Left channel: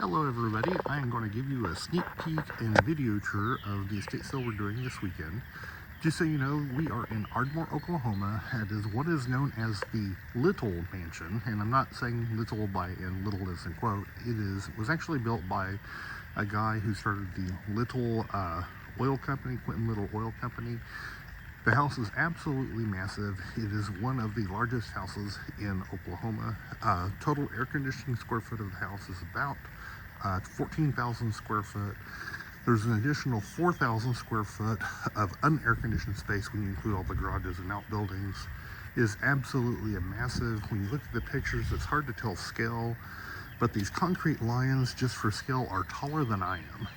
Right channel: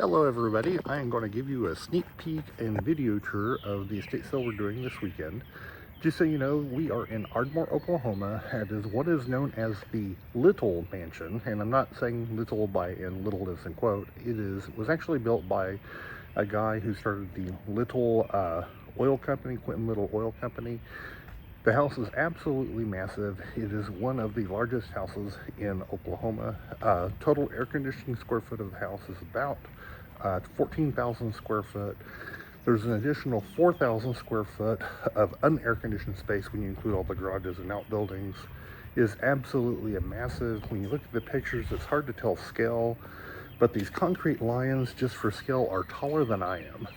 Hello everybody, I am going to give you a sneak peek and video tour of the estate sale we're doing this weekend. Just so you know, we are in Ardmore, Oklahoma. It is what is known as the Little Mansion, and I'm not saying little by in little as in quote. It was actually built by a guy who started the Little oil company, Quentin Little Oil Company. The house is absolutely massive. It is one of the largest houses in Oklahoma. Total air conditioning square foot of the house is about 14,000 square foot. There's an additional 4,000 square foot of unair conditioned space when you include all the garages and outbuildings. It is absolutely a massive. When you look at the pictures, it's hard to tell scale, but these concrete lions, just for scale, are taller than I am.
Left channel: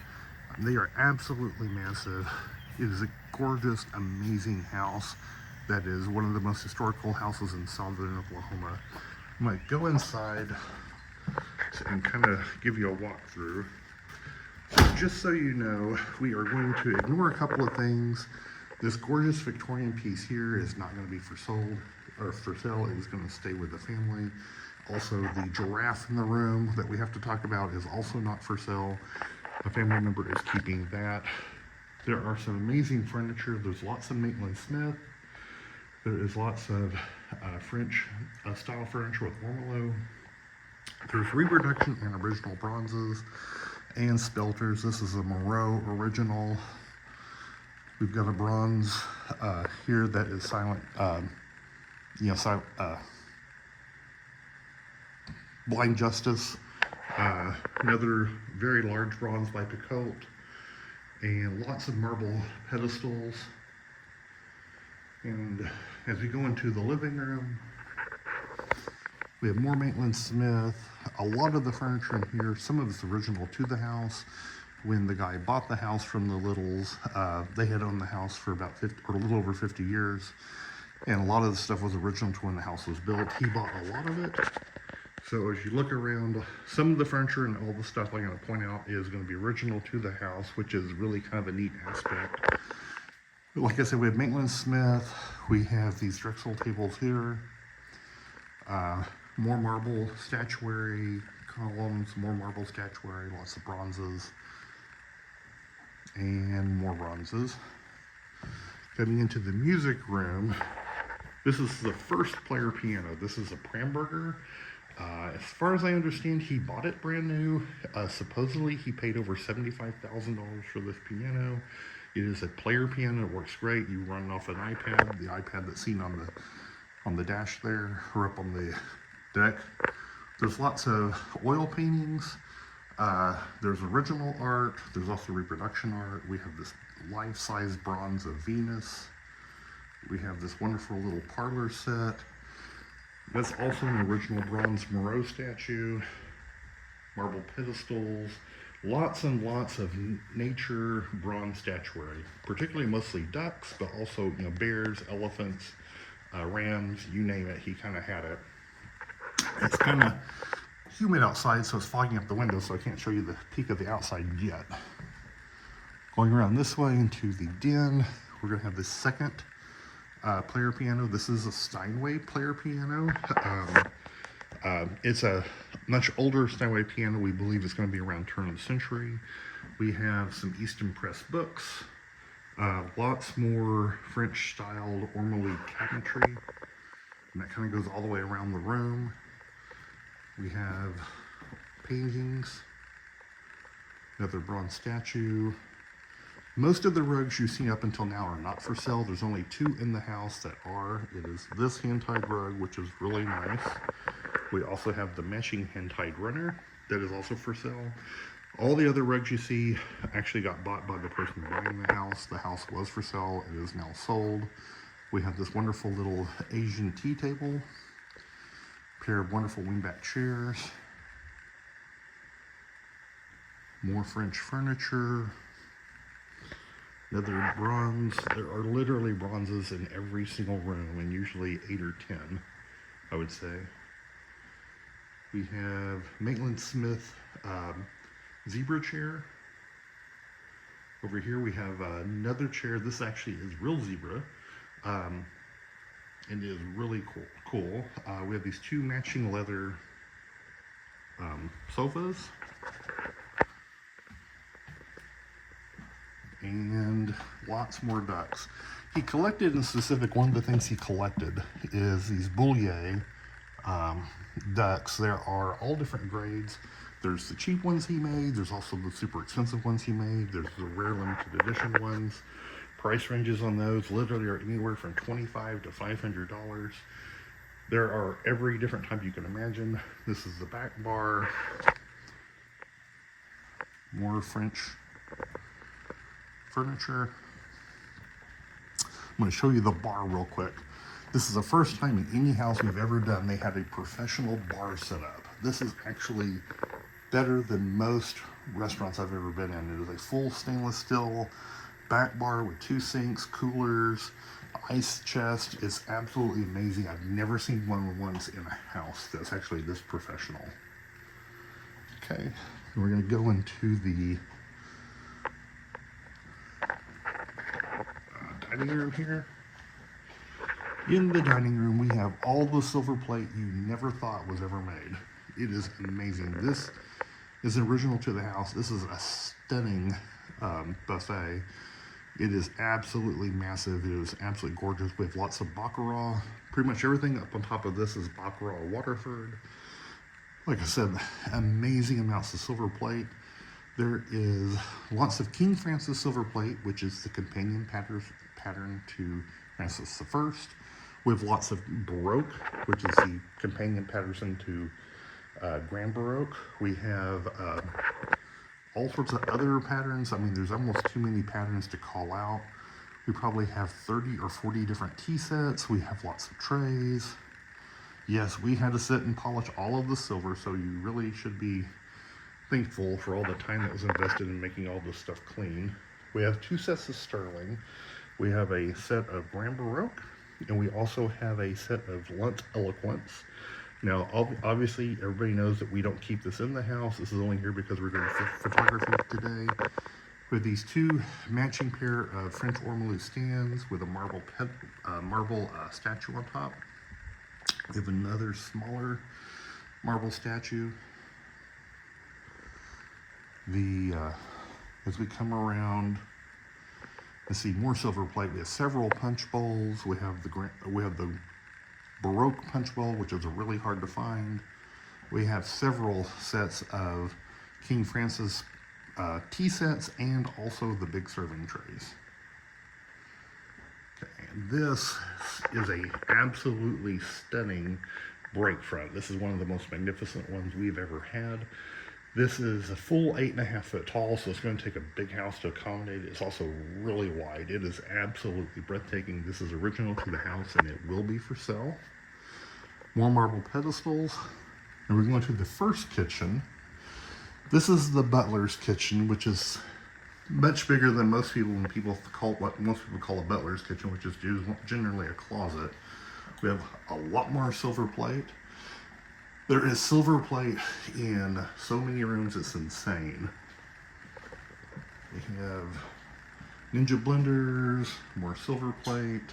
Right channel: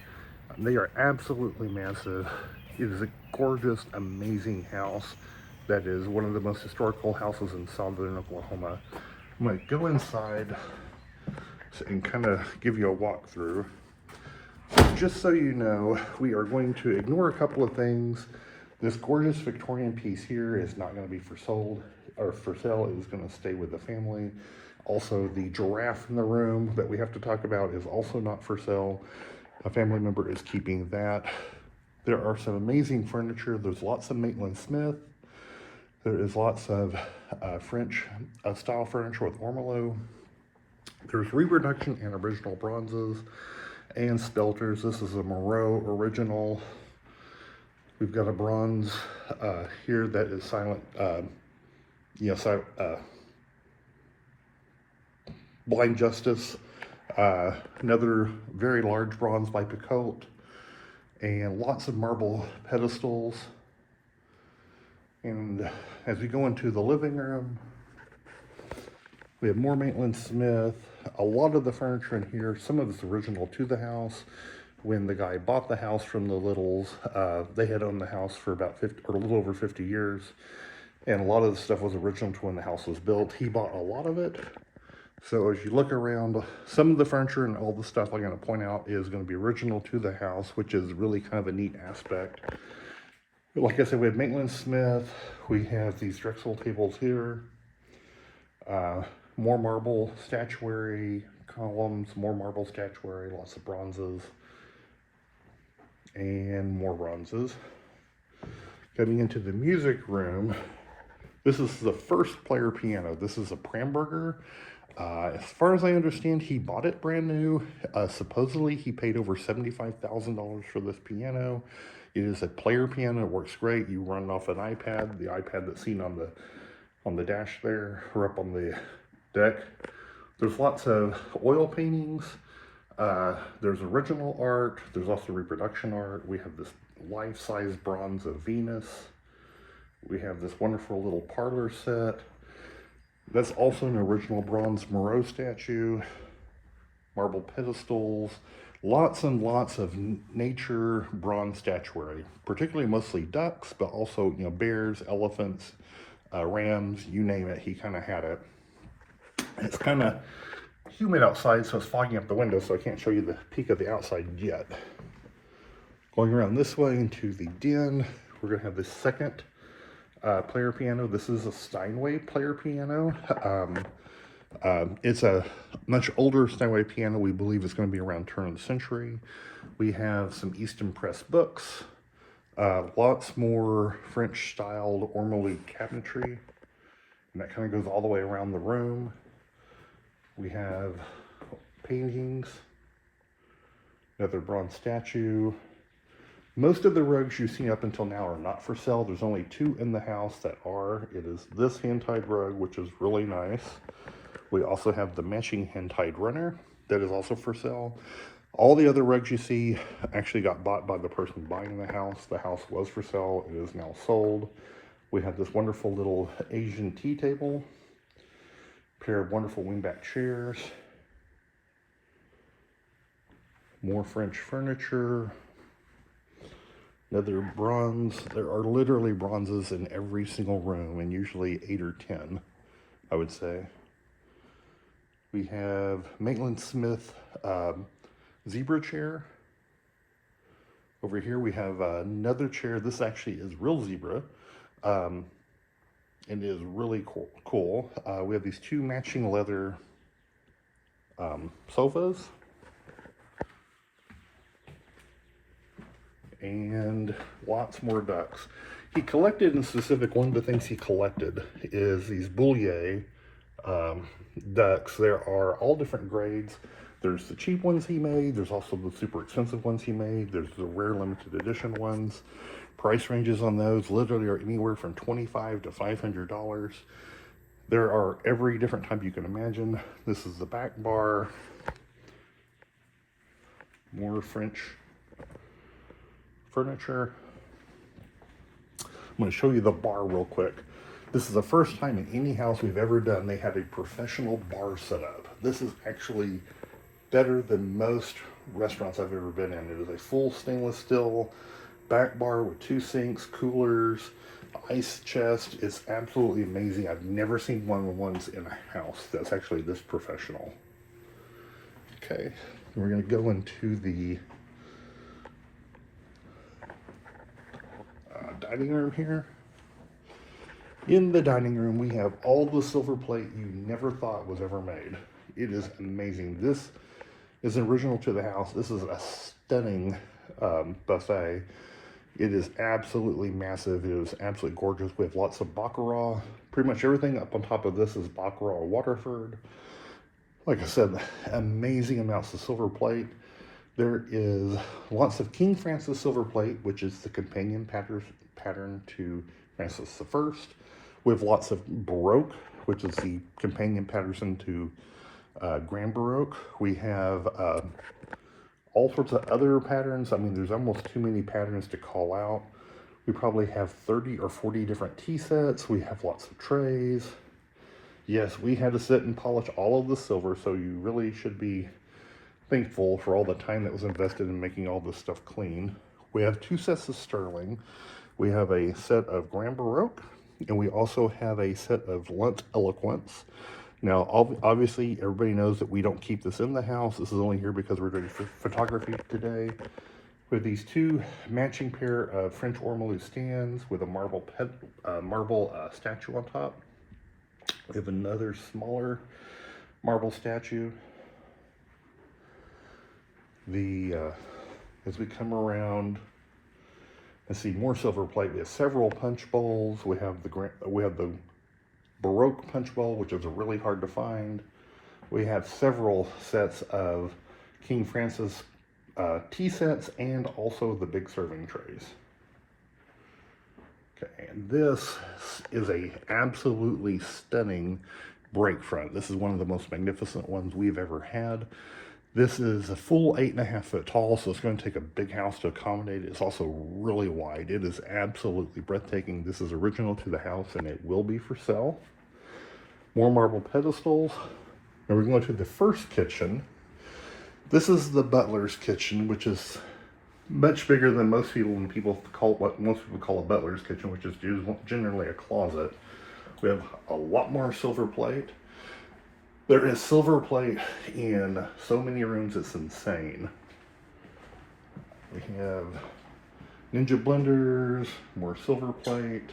They are absolutely massive. It is a gorgeous, amazing house that is one of the most historical houses in southern Oklahoma. I'm going to go inside and kind of give you a walkthrough. Just so you know, we are going to ignore a couple of things. This gorgeous Victorian piece here is not going to be for sale. It is going to stay with the family. Also, the giraffe in the room that we have to talk about is also not for sale. A family member is keeping that. There are some amazing furniture. There's lots of Maitland Smith. There is lots of French style furniture with ormolu. There's reproduction and original bronzes and spelters. This is a Moreau original. We've got a bronze here that is silent, Blind Justice. Another very large bronze by Picoult. And lots of marble pedestals. And as we go into the living room, we have more Maitland Smith. A lot of the furniture in here, some of it's original to the house. When the guy bought the house from the Littles, they had owned the house for about 50 or a little over 50 years. And a lot of the stuff was original to when the house was built. He bought a lot of it. So as you look around, some of the furniture and all the stuff I'm going to point out is going to be original to the house, which is really kind of a neat aspect. But like I said, we have Maitland Smith. We have these Drexel tables here. More marble statuary columns, more marble statuary, lots of bronzes, and more bronzes. Getting into the music room, this is the first player piano. This is a Pramberger. As far as I understand, he bought it brand new. Supposedly, he paid over $75,000 for this piano. It is a player piano. It works great. You run it off an iPad, the iPad that's seen on the dash there, or up on the deck. There's lots of oil paintings. There's original art. There's also reproduction art. We have this life-size bronze of Venus. We have this wonderful little parlor set. That's also an original bronze Moreau statue, marble pedestals, lots and lots of nature bronze statuary, particularly mostly ducks, but also bears, elephants, rams, you name it, he kind of had it. It's kind of humid outside, so it's fogging up the window, so I can't show you the peak of the outside yet. Going around this way into the den, we're going to have the second player piano. This is a Steinway player piano. It's a much older Steinway piano. We believe it's going to be around turn of the century. We have some Easton Press books. Lots more French styled ormolu cabinetry. And that kind of goes all the way around the room. We have paintings. Another bronze statue. Most of the rugs you've seen up until now are not for sale. There's only two in the house that are. It is this hand-tied rug, which is really nice. We also have the matching hand-tied runner that is also for sale. All the other rugs you see actually got bought by the person buying the house. The house was for sale. It is now sold. We have this wonderful little Asian tea table. A pair of wonderful wingback chairs. More French furniture. Another bronze. There are literally bronzes in every single room, and usually 8 or 10, I would say. We have Maitland Smith zebra chair. Over here we have another chair. This actually is real zebra. And it is really cool. We have these two matching leather sofas. and lots more ducks. He collected, in specific, one of the things he collected is these Boulier ducks. There are all different grades. There's the cheap ones he made, there's also the super expensive ones he made, there's the rare limited edition ones. Price ranges on those literally are anywhere from $25 to $500. There are every different type you can imagine. This is the back bar. More French furniture. I'm going to show you the bar real quick. This is the first time in any house we've ever done they had a professional bar set up. This is actually better than most restaurants I've ever been in. It is a full stainless steel back bar with 2 sinks, coolers, ice chest. It's absolutely amazing. I've never seen one once in a house that's actually this professional. Okay, we're going to go into the dining room here. In the dining room, we have all the silver plate you never thought was ever made. It is amazing. This is original to the house. This is a stunning buffet. It is absolutely massive. It is absolutely gorgeous. We have lots of Baccarat. Pretty much everything up on top of this is Baccarat Waterford. Like I said, amazing amounts of silver plate. There is lots of King Francis silver plate, which is the companion pattern to Francis I. We have lots of Baroque, which is the companion pattern to Grand Baroque. We have all sorts of other patterns. I mean, there's almost too many patterns to call out. We probably have 30 or 40 different tea sets. We have lots of trays. Yes, we had to sit and polish all of the silver, so you really should be thankful for all the time that was invested in making all this stuff clean. We have 2 sets of sterling. We have a set of Grand Baroque, and we also have a set of Lunt Eloquence. Now, obviously, everybody knows that we don't keep this in the house. This is only here because we're doing photography today. With these 2 matching pair of French ormolu stands with a marble statue on top. We have another smaller marble statue. As we come around and see more silver plate, we have several punch bowls. We have the Baroque punch bowl, which is really hard to find. We have several sets of King Francis tea sets and also the big serving trays. Okay, and this is a absolutely stunning break front. This is one of the most magnificent ones we've ever had. This is a full 8.5 foot tall, so it's going to take a big house to accommodate it. It's also really wide. It is absolutely breathtaking. This is original to the house, and it will be for sale. More marble pedestals. And we're going to the first kitchen. This is the butler's kitchen, which is much bigger than most people what most people call a butler's kitchen, which is generally a closet. We have a lot more silver plate. There is silver plate in so many rooms, it's insane. We have Ninja blenders, more silver plate,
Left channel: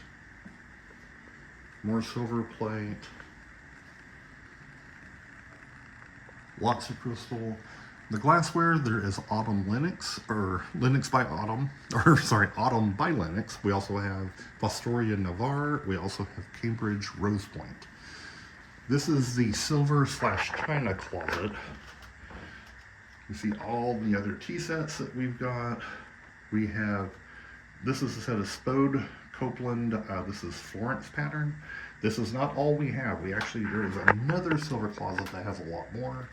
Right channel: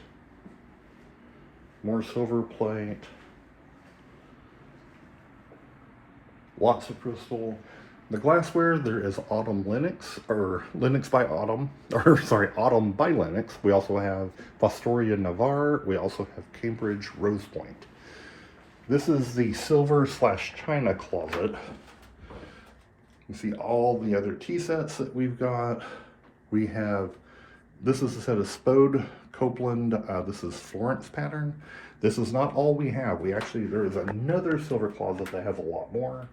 lots of crystal. The glassware, there is Autumn Lenox, or Lenox by Autumn, or sorry, Autumn by Lenox. We also have Fostoria Navarre. We also have Cambridge Rose Point. This is the silver/china closet. You see all the other tea sets that we've got. This is a set of Spode Copeland. This is Florence pattern. This is not all we have. There is another silver closet that has a lot more.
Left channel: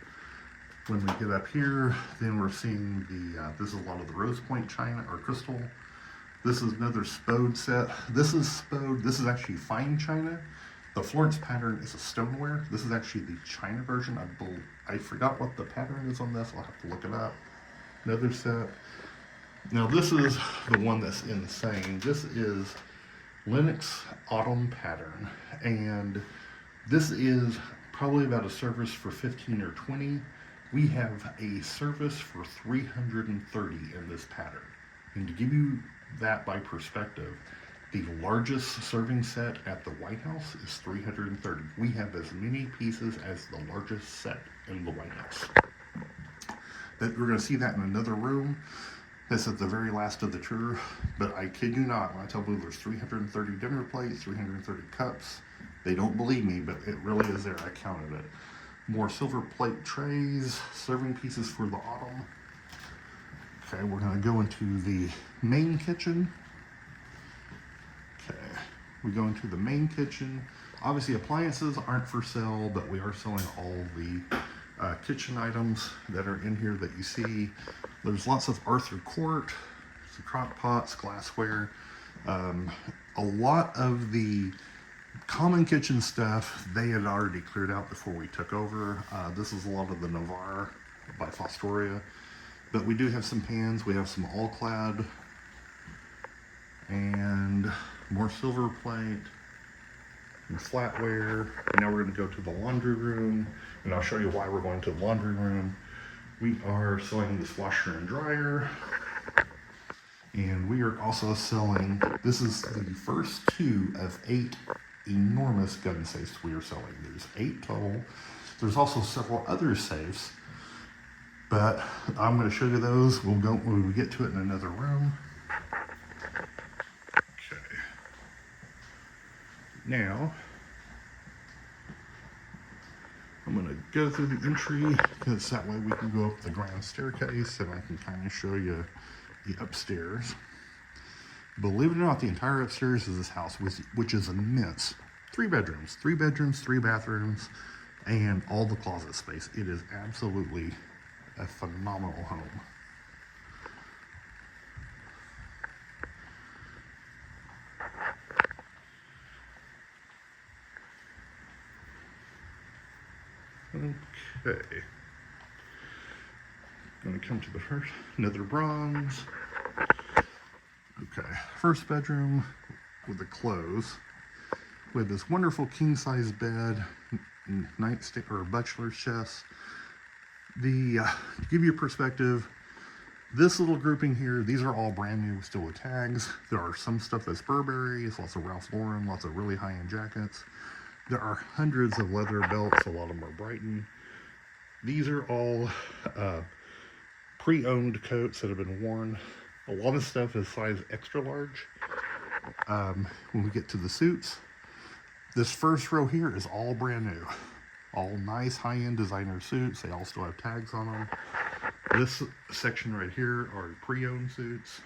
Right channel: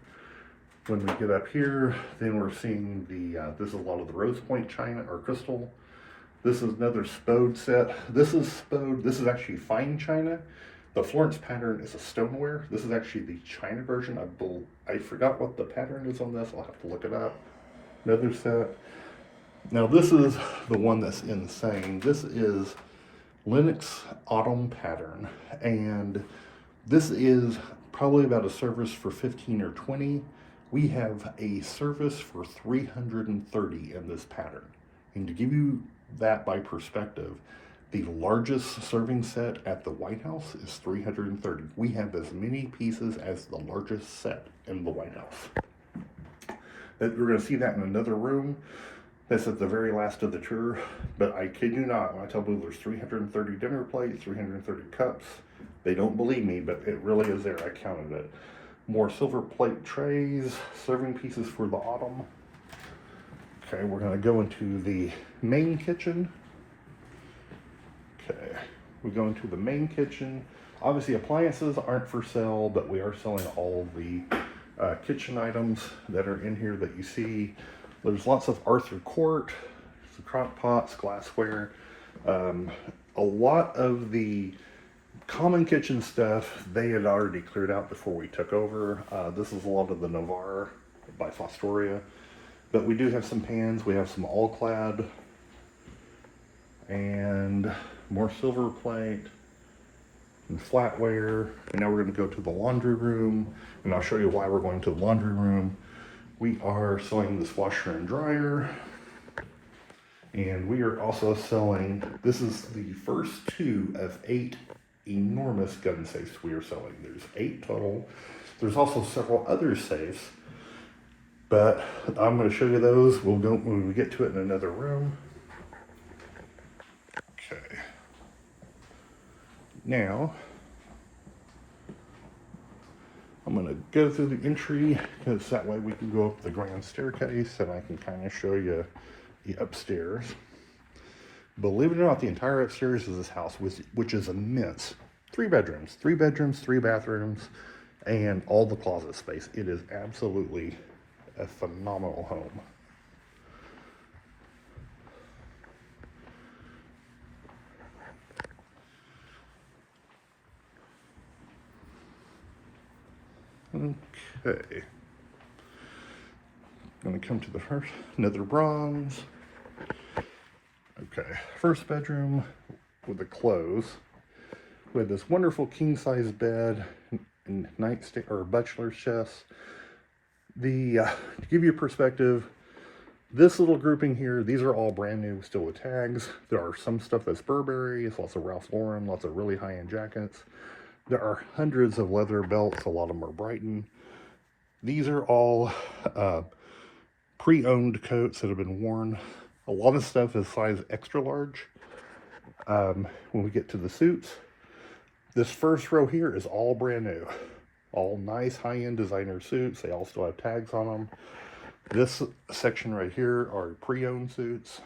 When we get up here, then we're seeing this is a lot of the Rose Point china or crystal. This is another Spode set. This is Spode. This is actually fine china. The Florence pattern is a stoneware. This is actually the china version. I forgot what the pattern is on this. I'll have to look it up. Another set. Now this is the one that's insane. This is Lenox Autumn pattern, and this is probably about a service for 15 or 20. We have a service for 330 in this pattern. And to give you that by perspective, the largest serving set at the White House is 330. We have as many pieces as the largest set in the White House. We're going to see that in another room. That's at the very last of the tour, but I kid you not, when I tell people there's 330 dinner plates, 330 cups, they don't believe me, but it really is there. I counted it. More silver plate trays, serving pieces for the autumn. Okay, we're gonna go into the main kitchen. Okay, we go into the main kitchen. Obviously appliances aren't for sale, but we are selling all the kitchen items that are in here that you see. There's lots of Arthur Court, crock pots, glassware. A lot of the common kitchen stuff they had already cleared out before we took over. This is a lot of the Navarre by Fostoria. But we do have some pans. We have some all-clad and more silver plate and flatware. And now we're going to go to the laundry room, and I'll show you why we're going to the laundry room. We are selling this washer and dryer, and we are also selling, this is the first 2 of 8 enormous gun safes we are selling. There's 8 total. There's also several other safes, but I'm going to show you those. We'll go when we get to it in another room. Okay. Now, I'm going to go through the entry, because that way we can go up the grand staircase and I can kind of show you the upstairs. Believe it or not, the entire upstairs of this house, which is immense. 3 bedrooms, 3 bathrooms, and all the closet space. It is absolutely a phenomenal home. Okay. Gonna come to the first, nether bronze. Okay, first bedroom with the clothes. We have this wonderful king-size bed and nightstand or bachelor's chest. To give you a perspective, this little grouping here, these are all brand new, still with tags. There are some stuff that's Burberry, it's lots of Ralph Lauren, lots of really high-end jackets. There are hundreds of leather belts, a lot of them are Brighton. These are all pre-owned coats that have been worn. A lot of stuff is size extra large. When we get to the suits, this first row here is all brand new. All nice high-end designer suits. They all still have tags on them. This section right here are pre-owned suits.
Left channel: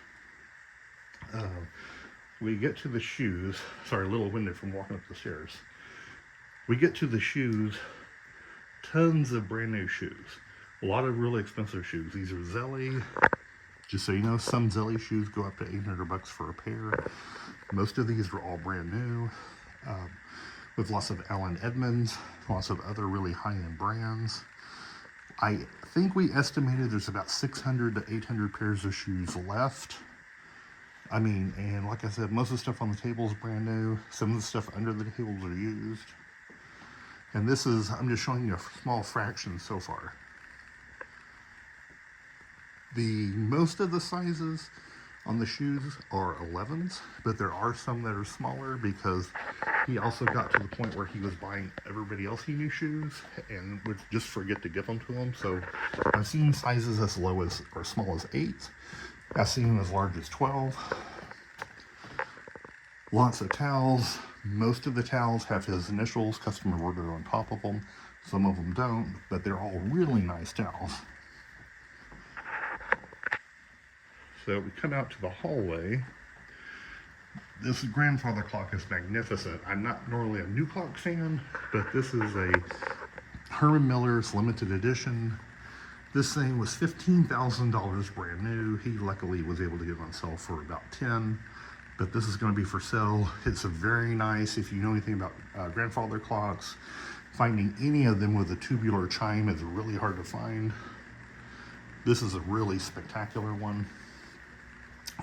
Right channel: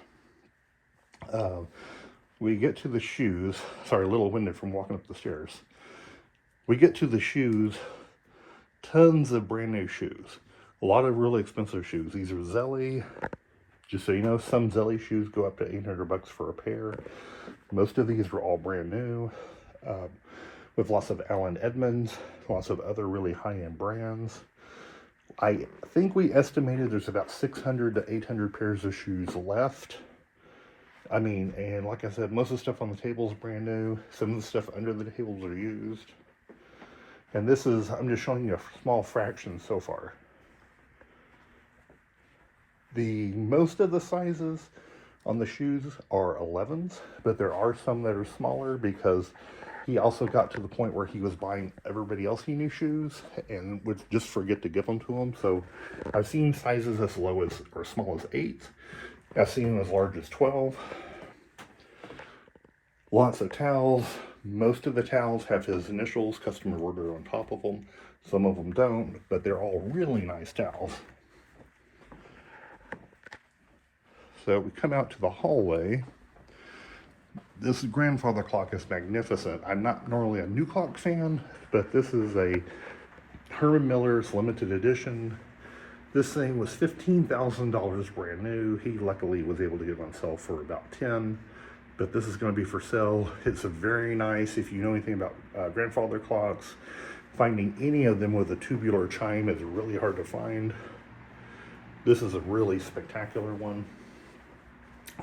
We get to the shoes. Sorry, a little winded from walking up the stairs. We get to the shoes. Tons of brand new shoes. A lot of really expensive shoes. These are Zelly. Just so you know, some Zelly shoes go up to $800 for a pair. Most of these are all brand new. With lots of Allen Edmonds, lots of other really high-end brands. I think we estimated there's about 600 to 800 pairs of shoes left. I mean, and like I said, most of the stuff on the table is brand new. Some of the stuff under the tables are used. And this is, I'm just showing you a small fraction so far. Most of the sizes on the shoes are 11s, but there are some that are smaller because he also got to the point where he was buying everybody else new shoes and would just forget to give them to him. So I've seen sizes as low as or small as 8. I've seen them as large as 12. Lots of towels. Most of the towels have his initials, customer order on top of them. Some of them don't, but they're all really nice towels. So we come out to the hallway. This grandfather clock is magnificent. I'm not normally a new clock fan, but this is a Herman Miller's limited edition. This thing was $15,000 brand new. He luckily was able to get it on sale for about 10, but this is going to be for sale. It's a very nice, if you know anything about grandfather clocks, finding any of them with a tubular chime is really hard to find. This is a really spectacular one.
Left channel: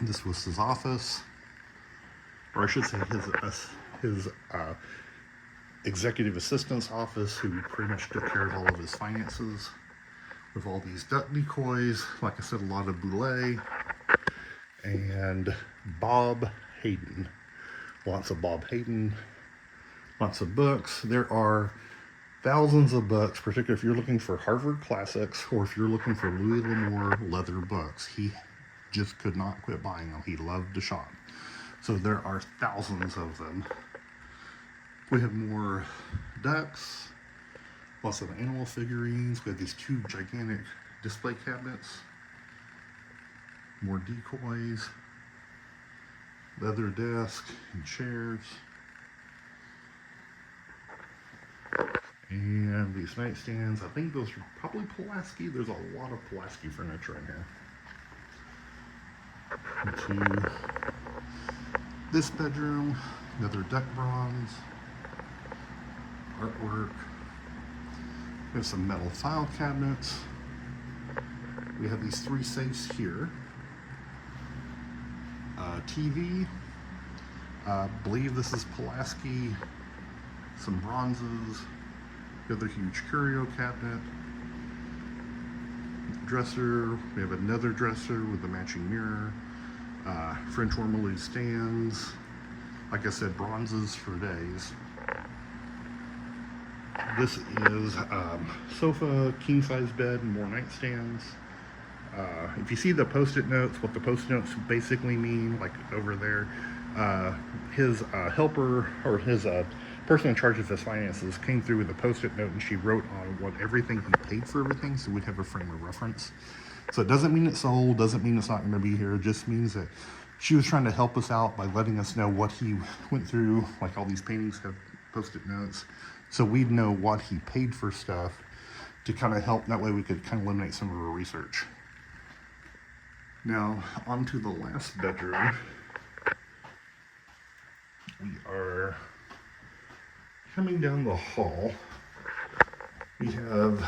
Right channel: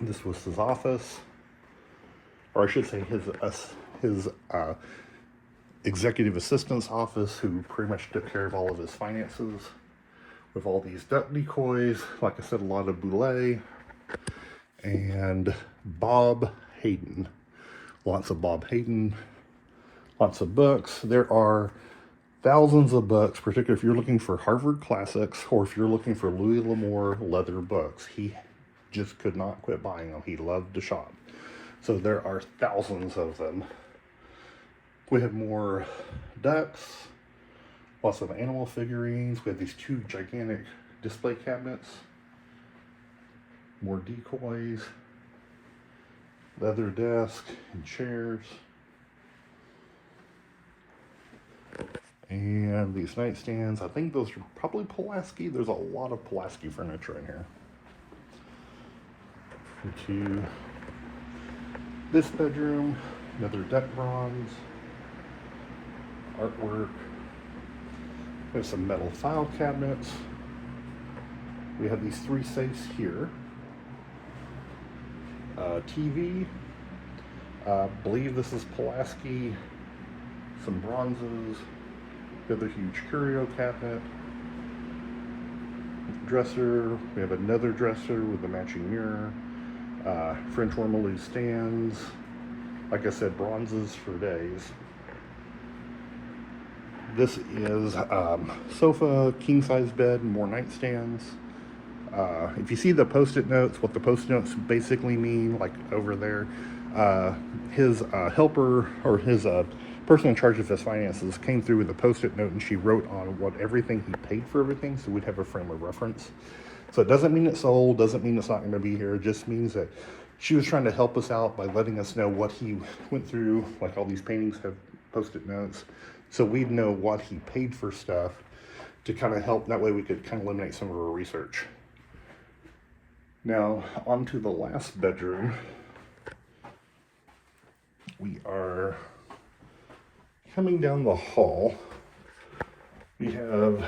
This was his office, or I should say his executive assistant's office, who pretty much took care of all of his finances, with all these duck decoys. Like I said, a lot of Boulay and Bob Hayden. Lots of Bob Hayden, lots of books. There are thousands of books, particularly if you're looking for Harvard classics or if you're looking for Louis L'Amour leather books. He just could not quit buying them. He loved to shop. So there are thousands of them. We have more ducks, lots of animal figurines. We have these 2 gigantic display cabinets, more decoys, leather desk and chairs, and these nightstands. I think those are probably Pulaski. There's a lot of Pulaski furniture in here. Into this bedroom, another duck bronze, artwork. We have some metal file cabinets. We have these 3 safes here. TV. Believe this is Pulaski. Some bronzes. Another huge curio cabinet. Dresser. We have another dresser with a matching mirror. French ormolu stands. Like I said, bronzes for days. This is sofa, king size bed, more nightstands. If you see the post-it notes, what the post-it notes basically mean, like over there, his helper or his person in charge of his finances came through with a post-it note, and she wrote on what everything he paid for everything, so we'd have a frame of reference. So it doesn't mean it's sold, doesn't mean it's not going to be here. It just means that she was trying to help us out by letting us know what he went through. Like all these paintings have post-it notes, so we'd know what he paid for stuff to kind of help. That way we could kind of eliminate some of our research. Now, on to the last bedroom. We are coming down the hall. We have,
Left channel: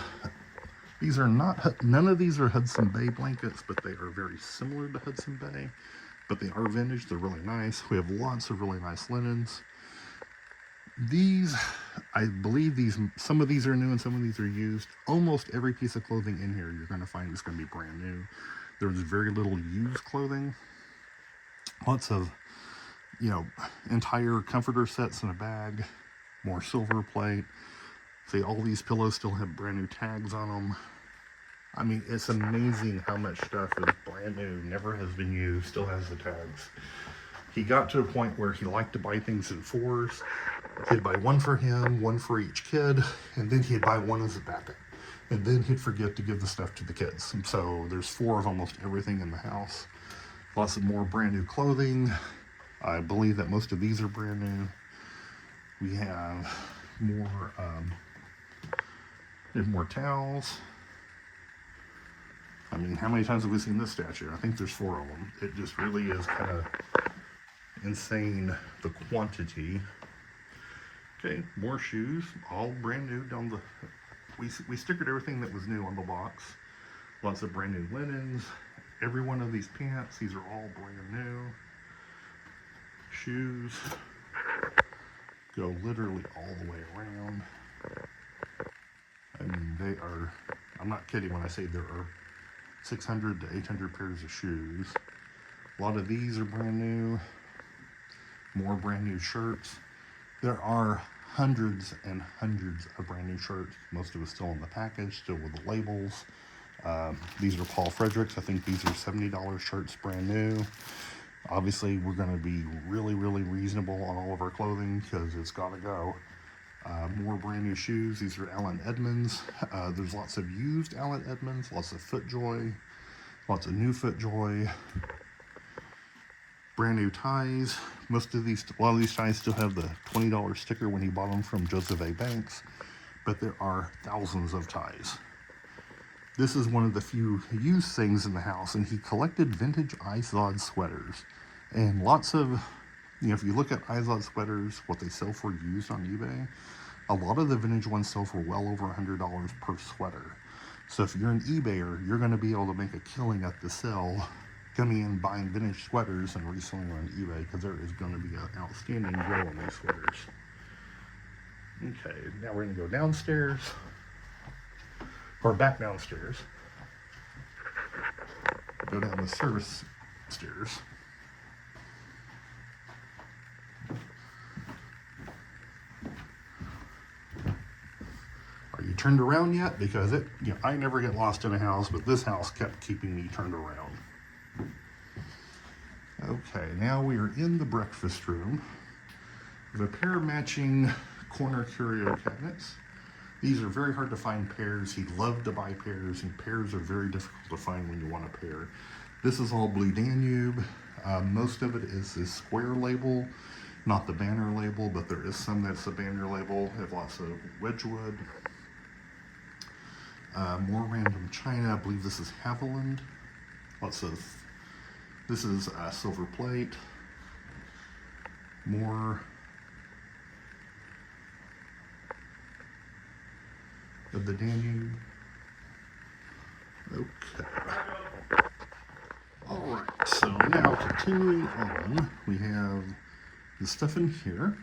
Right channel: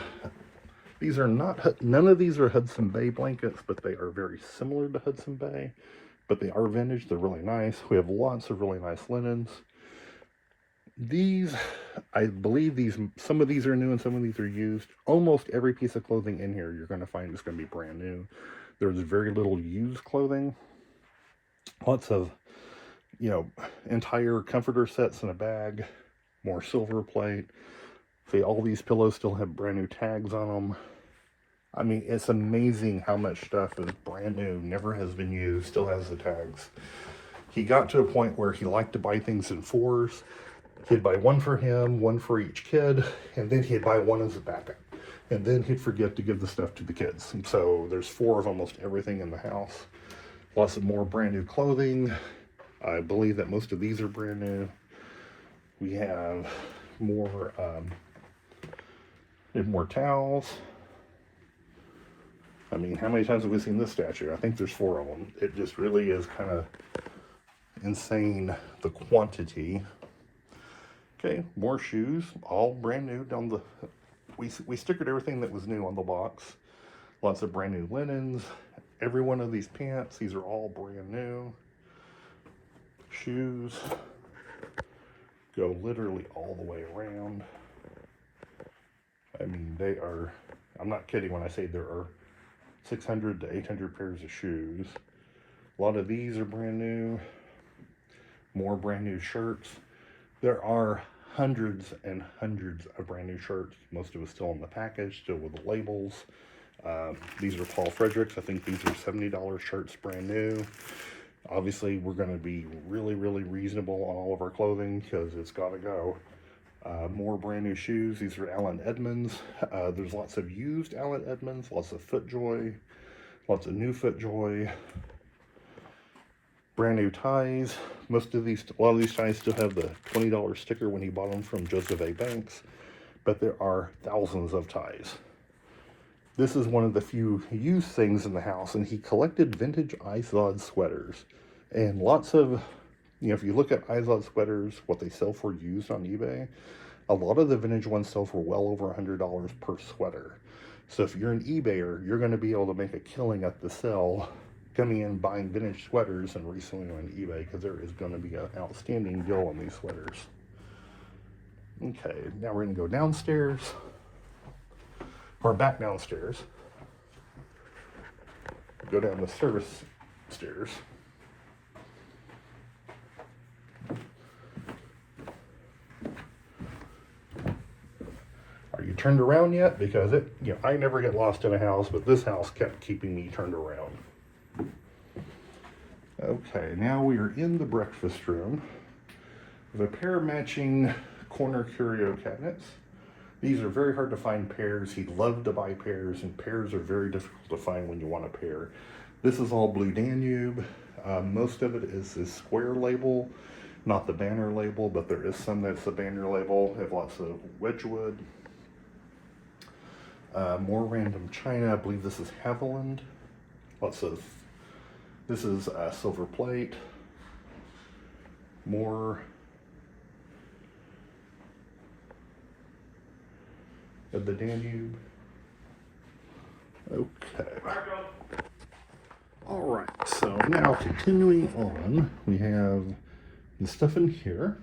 these are not, none of these are Hudson Bay blankets, but they are very similar to Hudson Bay, but they are vintage. They're really nice. We have lots of really nice linens. These, I believe some of these are new and some of these are used. Almost every piece of clothing in here you're going to find is going to be brand new. There's very little used clothing. Lots of, entire comforter sets in a bag. More silver plate. See, all these pillows still have brand new tags on them. I mean, it's amazing how much stuff is brand new, never has been used, still has the tags. He got to a point where he liked to buy things in 4s. He'd buy one for him, one for each kid, and then he'd buy one as a backup. And then he'd forget to give the stuff to the kids. And so there's 4 of almost everything in the house. Lots of more brand new clothing. I believe that most of these are brand new. We have more towels. I mean, how many times have we seen this statue? I think there's 4 of them. It just really is kind of insane, the quantity. Okay, more shoes, all brand new. Down the, we stickered everything that was new on the box. Lots of brand new linens. Every one of these pants, these are all brand new. Shoes go literally all the way around. I mean, they are, I'm not kidding when I say there are 600 to 800 pairs of shoes. A lot of these are brand new. More brand new shirts. There are hundreds and hundreds of brand new shirts. Most of it still in the package, still with the labels. These are Paul Fredericks. I think these are $70 shirts, brand new. Obviously, we're going to be really, really reasonable on all of our clothing because it's got to go. More brand new shoes. These are Allen Edmonds. There's lots of used Allen Edmonds, lots of FootJoy, lots of new FootJoy. Brand new ties. A lot of these ties still have the $20 sticker when he bought them from Joseph A. Banks, but there are thousands of ties. This is one of the few used things in the house, and he collected vintage Izod sweaters. And lots of, if you look at Izod sweaters, what they sell for used on eBay, a lot of the vintage ones sell for well over $100 per sweater. So if you're an eBayer, you're going to be able to make a killing at the sale, coming in, buying vintage sweaters and reselling on eBay, because there is going to be an outstanding deal on these sweaters. Okay, now we're going to go downstairs, or back downstairs. Go down the service stairs. Are you turned around yet? Because I never get lost in a house, but this house kept keeping me turned around. Okay, now we are in the breakfast room with a pair of matching corner curio cabinets. These are very hard to find pairs. He'd love to buy pairs, and pairs are very difficult to find when you want a pair. This is all Blue Danube. Most of it is this square label, not the banner label, but there is some that's a banner label. They have lots of Wedgwood. More random china. I believe this is Haviland. Lots of, this is silver plate. More of the Danube. Okay. All right, so now continuing on, we have the stuff in here.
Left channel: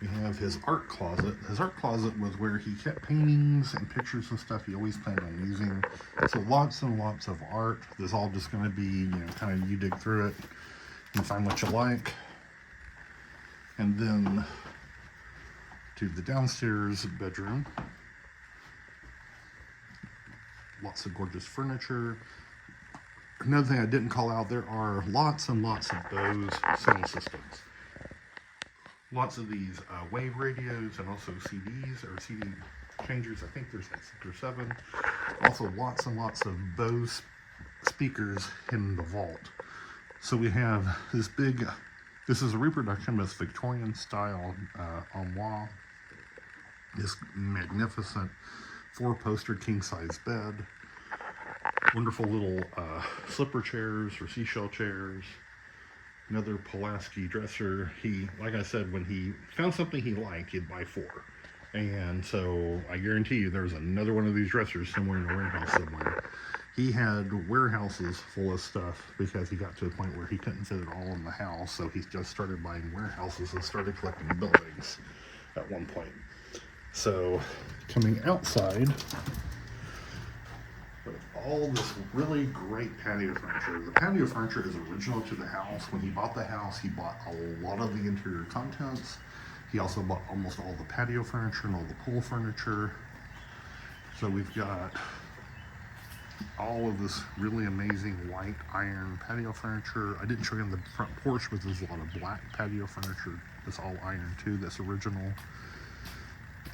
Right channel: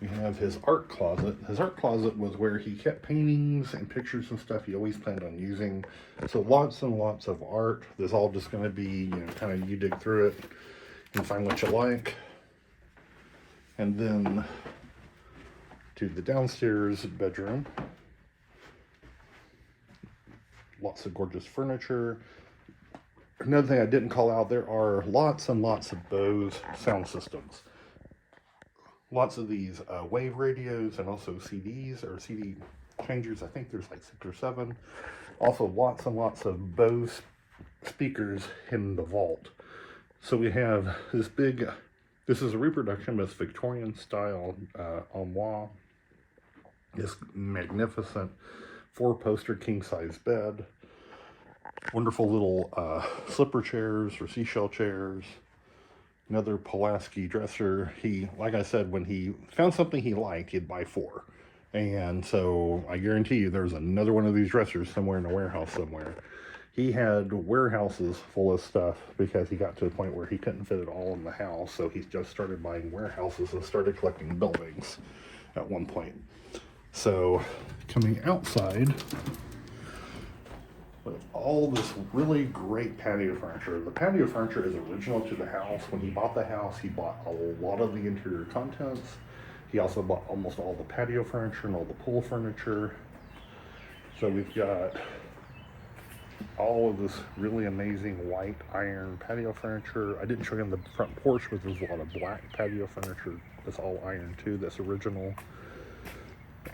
We have his art closet. His art closet was where he kept paintings and pictures and stuff he always planned on using. So lots and lots of art. This is all just going to be, you know, kind of you dig through it and find what you like. And then to the downstairs bedroom. Lots of gorgeous furniture. Another thing I didn't call out, there are lots and lots of Bose sound systems. Lots of these wave radios and also CDs or CD changers. I think there's like 6 or 7. Also lots and lots of Bose speakers in the vault. So we have this big, this is a reproduction of Victorian style armoire. This magnificent 4-poster king-size bed. Wonderful little slipper chairs or seashell chairs. Another Pulaski dresser. He, like I said, when he found something he liked, he'd buy 4. And so I guarantee you there's another one of these dressers somewhere in a warehouse somewhere. He had warehouses full of stuff because he got to a point where he couldn't fit it all in the house. So he just started buying warehouses and started collecting buildings at one point. So coming outside, with all this really great patio furniture. The patio furniture is original to the house. When he bought the house, he bought a lot of the interior contents. He also bought almost all the patio furniture and all the pool furniture. So we've got all of this really amazing white iron patio furniture. I didn't show you on the front porch, but there's a lot of black patio furniture that's all iron too, that's original.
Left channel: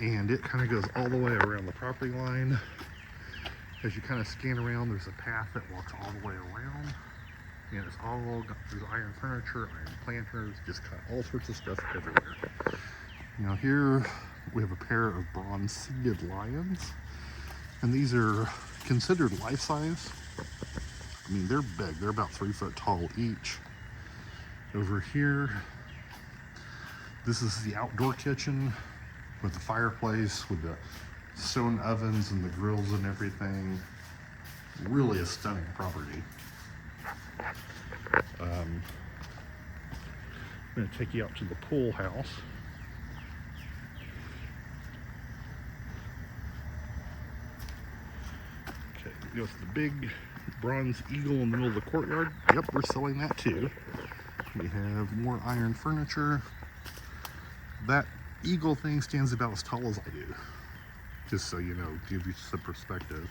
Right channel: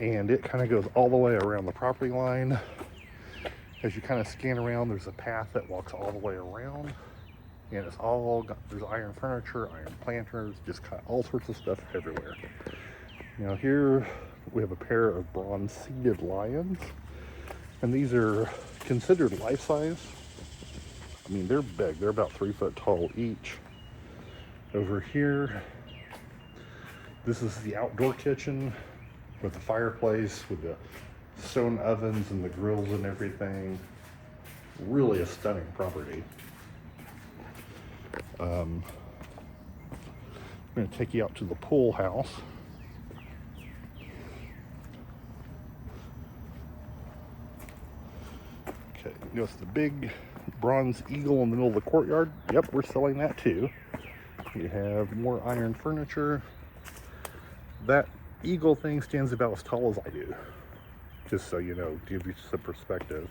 And it kind of goes all the way around the property line. As you kind of scan around, there's a path that walks all the way around, and it's all got, there's iron furniture, iron planters, just kind of all sorts of stuff everywhere. You know, here we have a pair of bronze seated lions, and these are considered life size. I mean, they're big, they're about 3 foot tall each. Over here, this is the outdoor kitchen with the fireplace, with the stone ovens and the grills and everything. Really a stunning property. I'm going to take you out to the pool house. Okay, you notice the big bronze eagle in the middle of the courtyard? Yep, we're selling that too. We have more iron furniture. That eagle thing stands about as tall as I do. Just so you know, give you some perspective.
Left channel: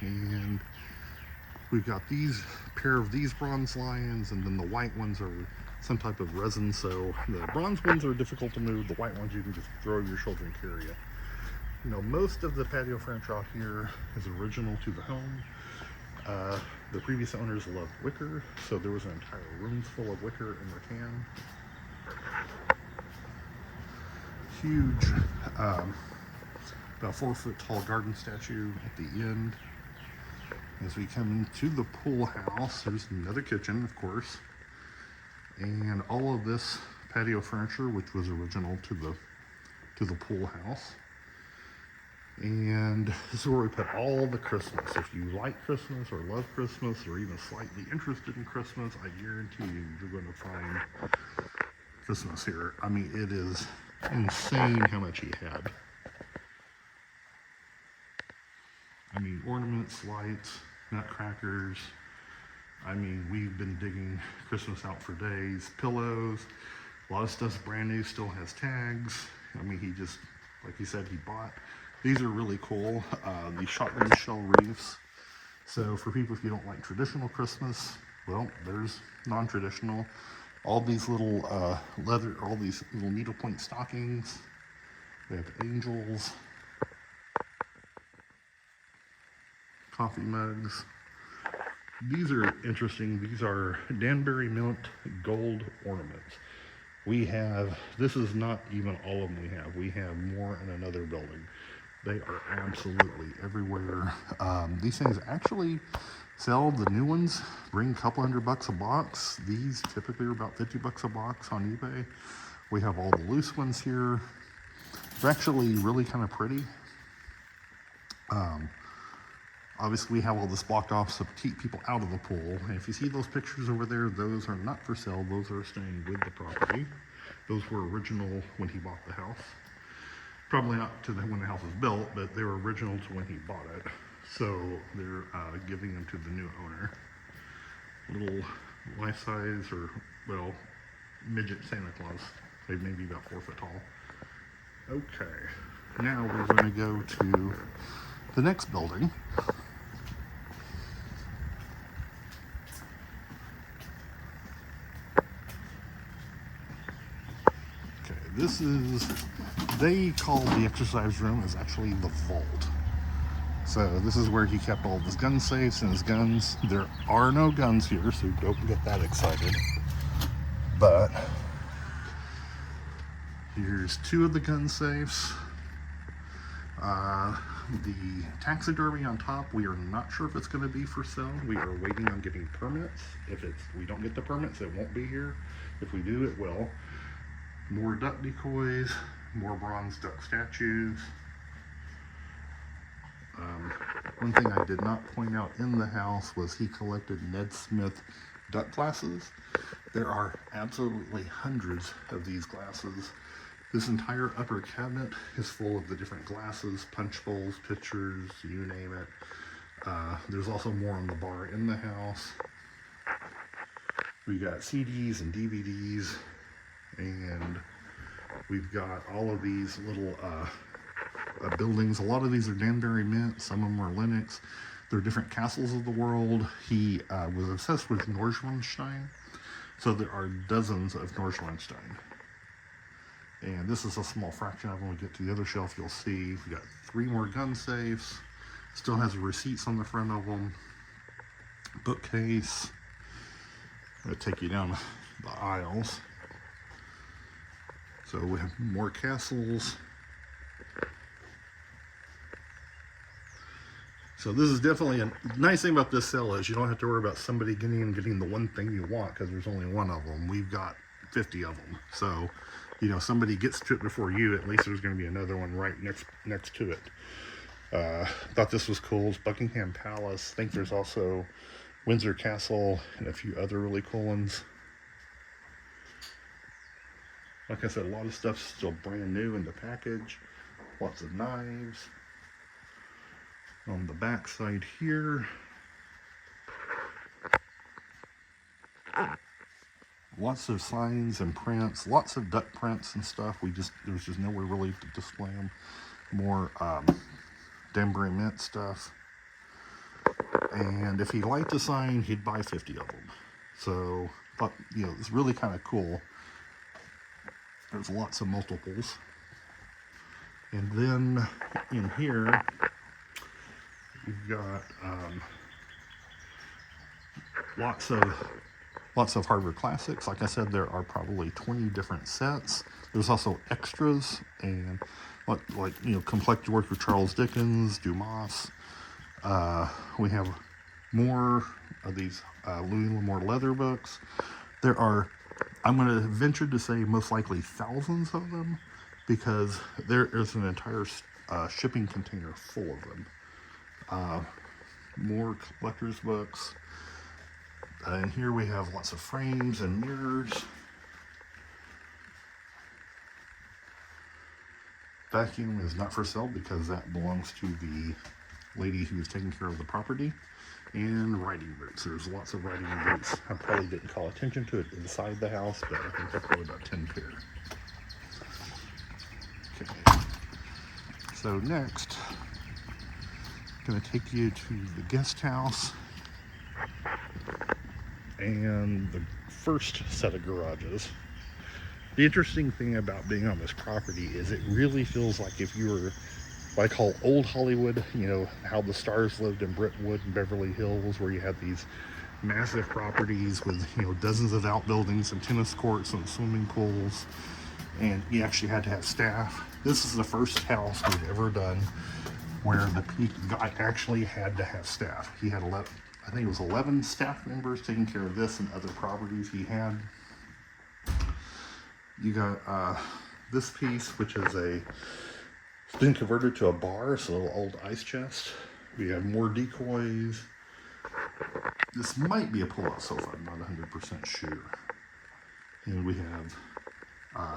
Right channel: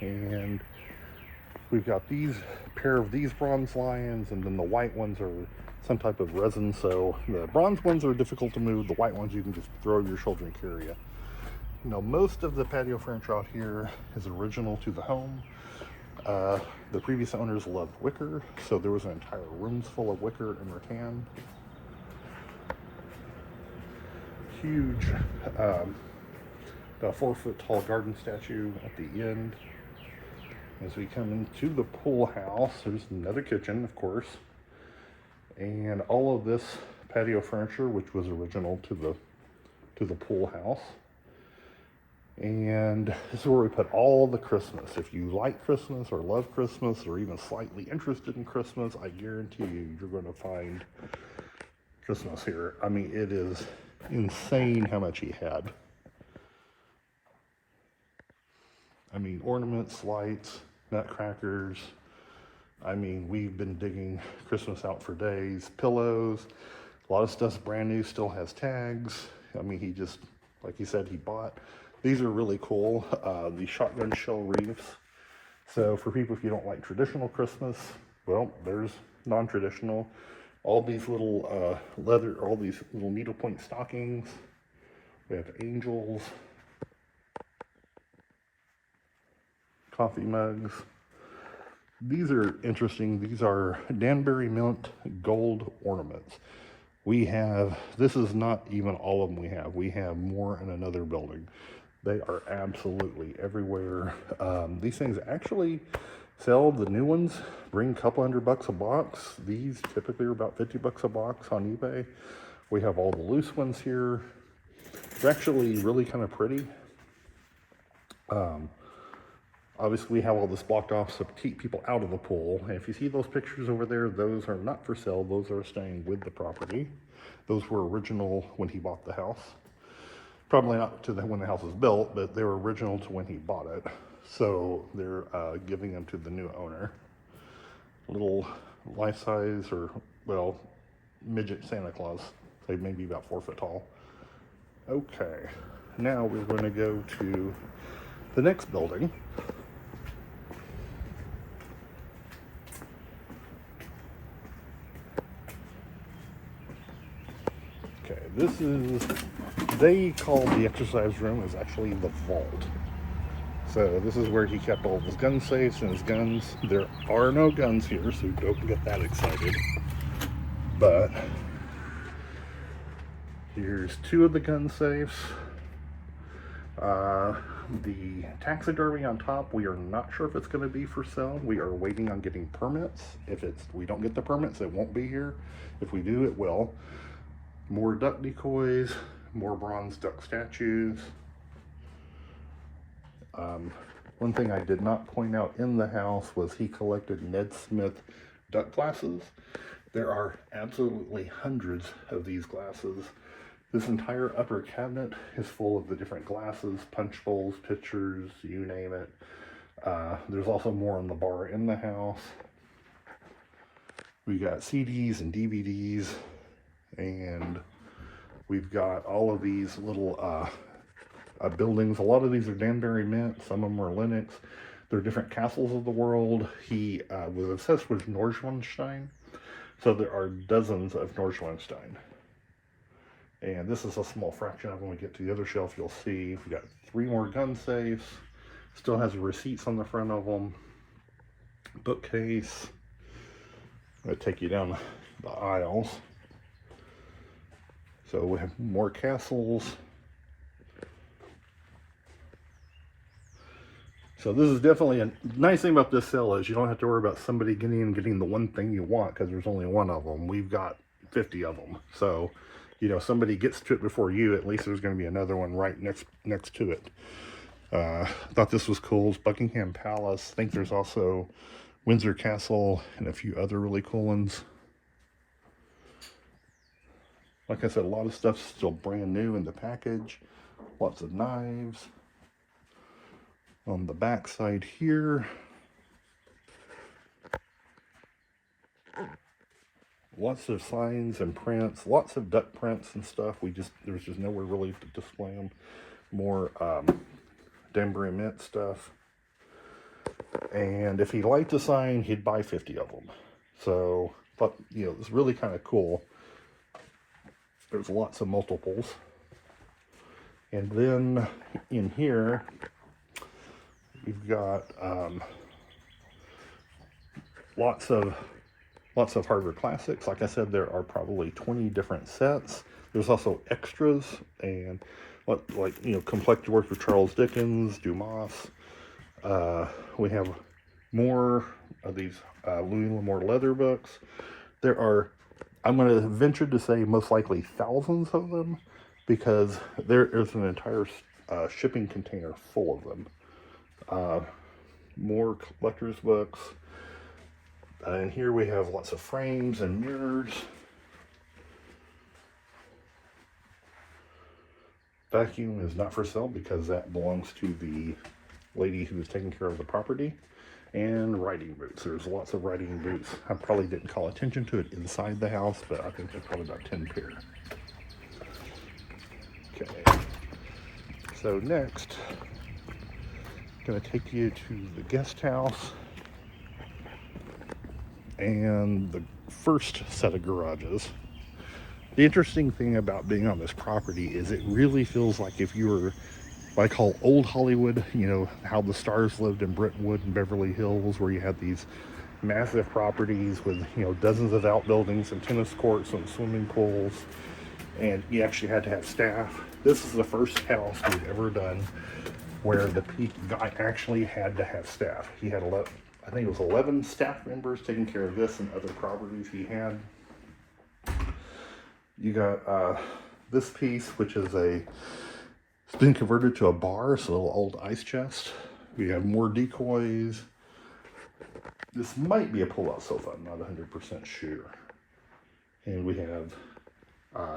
And we've got these pair of these bronze lions, and then the white ones are some type of resin. So the bronze ones are difficult to move. The white ones you can just throw over your shoulder and carry it. You know, most of the patio furniture out here is original to the home. The previous owners loved wicker, so there was an entire rooms full of wicker and rattan. Huge, about 4 foot tall garden statue at the end. As we come into the pool house, there's another kitchen, of course, and all of this patio furniture, which was original to the pool house. And this is where we put all the Christmas. If you like Christmas or love Christmas or even slightly interested in Christmas, I guarantee you, you're going to find Christmas here. I mean, it is insane how much he had. I mean, ornaments, lights, nutcrackers. I mean, we've been digging Christmas out for days. Pillows, a lot of stuff's brand new, still has tags. I mean, he just, like he said, he bought. These are really cool, the shotgun shell wreaths. So for people, if you don't like traditional Christmas, Well, there's non-traditional. All these little leather, all these little needlepoint stockings. We have angels, coffee mugs. These are interesting. These are Danbury Mint gold ornaments. We have, this is not even all of them we have. We have more in another building. They are absolutely everywhere. These things actually sell, the new ones, bring a couple $100 a box. These typically are about $50 a box on eBay. We have all the loose ones here. They're actually really kind of pretty. Obviously, we have all this blocked off so to keep people out of the pool. And if you see those pictures over there, those are not for sale. Those are staying with the property. Those were original when he bought the house. Probably not to when the house was built, but they were original to when he bought it. So they're giving them to the new owner. Little life size, or, well, midget Santa Claus. They may be about 4 foot tall. Okay, now we're going to go to the next building. Okay, this is, they call the exercise room, is actually the vault. So this is where he kept all of his gun safes and his guns. There are no guns here, so don't get that excited. But here's 2 of the gun safes. The taxidermy on top, we are not sure if it's going to be for sale. We are waiting on getting permits. If we don't get the permits, it won't be here. If we do, it will. More duck decoys, more bronze duck statues. One thing I did not point out in the house was he collected Ned Smith duck glasses. There are absolutely hundreds of these glasses. This entire upper cabinet is full of the different glasses, punch bowls, pitchers, you name it. There's also more on the bar in the house. We got CDs and DVDs, and we've got all of these little buildings. A lot of these are Danbury Mint, some of them are Lenox. They're different castles of the world. He was obsessed with Neuschwanstein, so there are dozens of Neuschwanstein. And this is a small fraction of them. When we get to the other shelf, you'll see we got 3 more gun safes. Still has receipts on the front of them. Bookcase. I'm going to take you down the aisles. So we have more castles. So this is definitely a nice thing about this sale is you don't have to worry about somebody getting the one thing you want because there's only one of them. We've got 50 of them. So, you know, somebody gets to it before you, at least there's going to be another one right next to it. Thought this was cool. It's Buckingham Palace. I think there's also Windsor Castle and a few other really cool ones. Like I said, a lot of stuff's still brand new in the package. Lots of knives. On the back side here, lots of signs and prints, lots of duck prints and stuff. There's just nowhere really to display them. More Danbury Mint stuff. And if he liked to sign, he'd buy 50 of them. So, but you know, it's really kind of cool. There's lots of multiples. And then in here, we've got lots of Harvard classics. Like I said, there are probably 20 different sets. There's also extras and like you know, collected work of Charles Dickens, Dumas. We have more of these Louis L'Amour leather books. There are, I'm going to venture to say, most likely thousands of them, because there is an entire shipping container full of them. More collector's books. And here we have lots of frames and mirrors. Vacuum is not for sale because that belongs to the lady who was taking care of the property. And writing boots. There's lots of writing boots. I probably didn't call attention to it inside the house, but I think there's probably about 10 pair. Okay. So next, I'm going to take you to the guest house. and the first set of garages. The interesting thing about being on this property is it really feels like if you were what I call old Hollywood, you know, how the stars lived in Brentwood and Beverly Hills, where you had these massive properties with, you know, dozens of outbuildings and tennis courts and swimming pools, and you actually had to have staff. This is the first house we've ever done where the Peak guy actually had to have staff. He had 11, I think it was 11 staff members taking care of this and other properties he had. You got this piece, which is it's been converted to a bar, so a little old ice chest. We have more decoys. This might be a pull-out sofa, I'm not 100% sure. And we have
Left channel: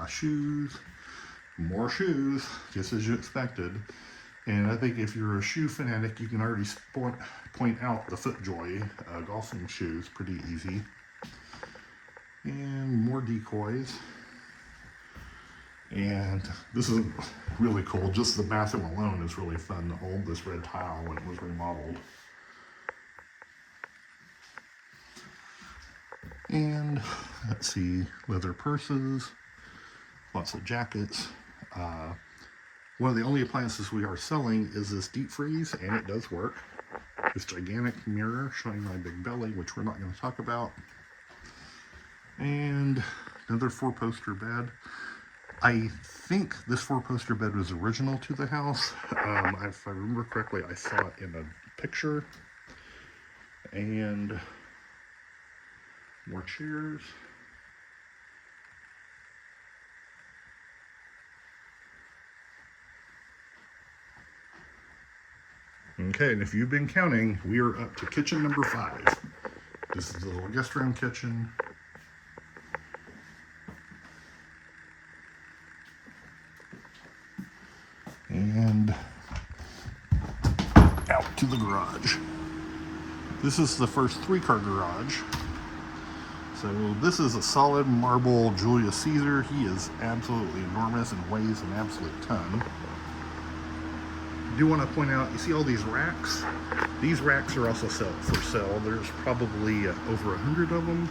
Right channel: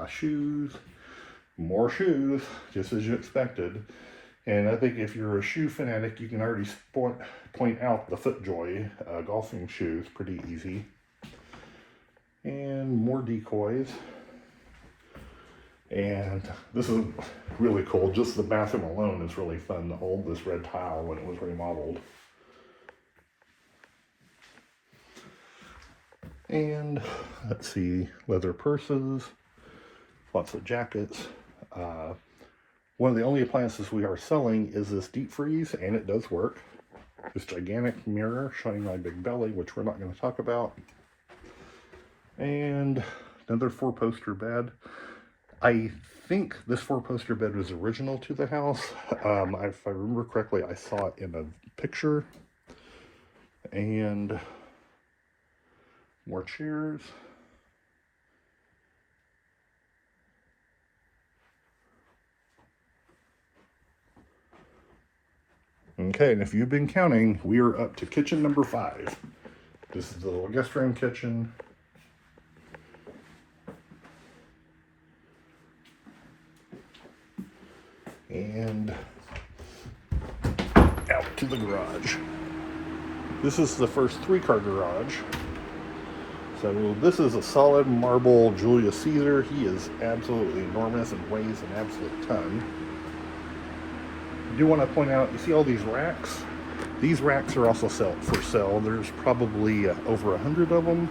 shoes, more shoes, just as you expected. And I think if you're a shoe fanatic, you can already point out the FootJoy golfing shoes, pretty easy. And more decoys. And this is really cool. Just the bathroom alone is really fun to hold this red tile when it was remodeled. And let's see, leather purses, lots of jackets. One of the only appliances we are selling is this deep freeze, and it does work. This gigantic mirror showing my big belly, which we're not going to talk about. And another 4-poster bed. I think this 4-poster bed was original to the house. If I remember correctly, I saw it in a picture. And more chairs. Okay, and if you've been counting, we are up to kitchen number 5. This is the little guest room kitchen. And out to the garage. This is the first 3-car garage. So this is a solid marble Julius Caesar. He is absolutely enormous and weighs an absolute ton. I do want to point out, you see all these racks? These racks are also for sale. There's probably over 100 of them.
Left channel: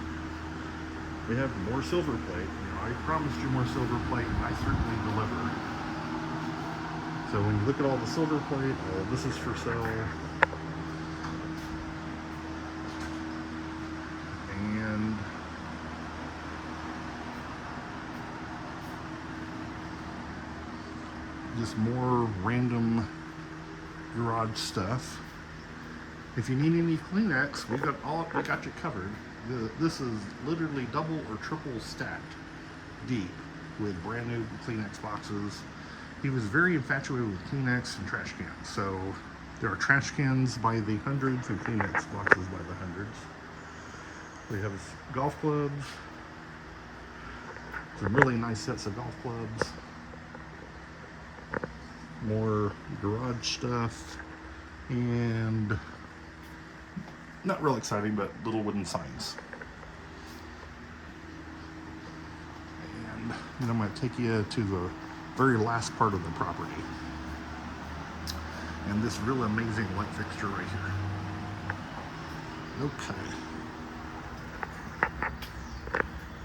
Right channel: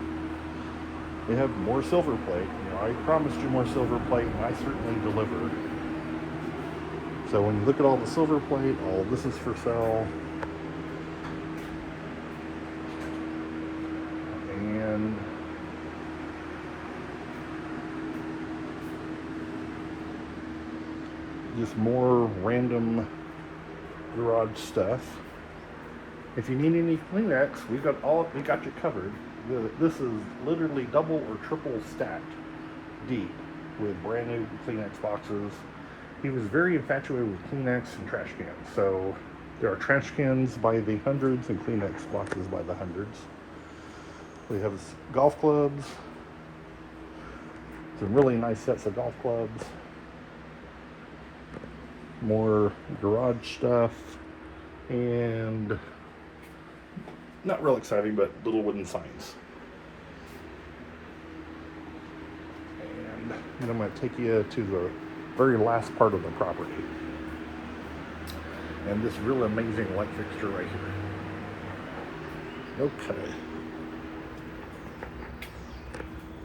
We have more silver plate. You know, I promised you more silver plate, and I certainly deliver. So when you look at all the silver plate, all this is for sale. And just more random garage stuff. If you need any Kleenex, we got you covered. This is literally double or triple stacked deep with brand new Kleenex boxes. He was very infatuated with Kleenex and trash cans. So there are trash cans by the hundreds and Kleenex boxes by the hundreds. We have golf clubs. Some really nice sets of golf clubs. More garage stuff. And not real exciting, but little wooden signs. And then I'm going to take you to the very last part of the property. And this really amazing light fixture right here. Okay.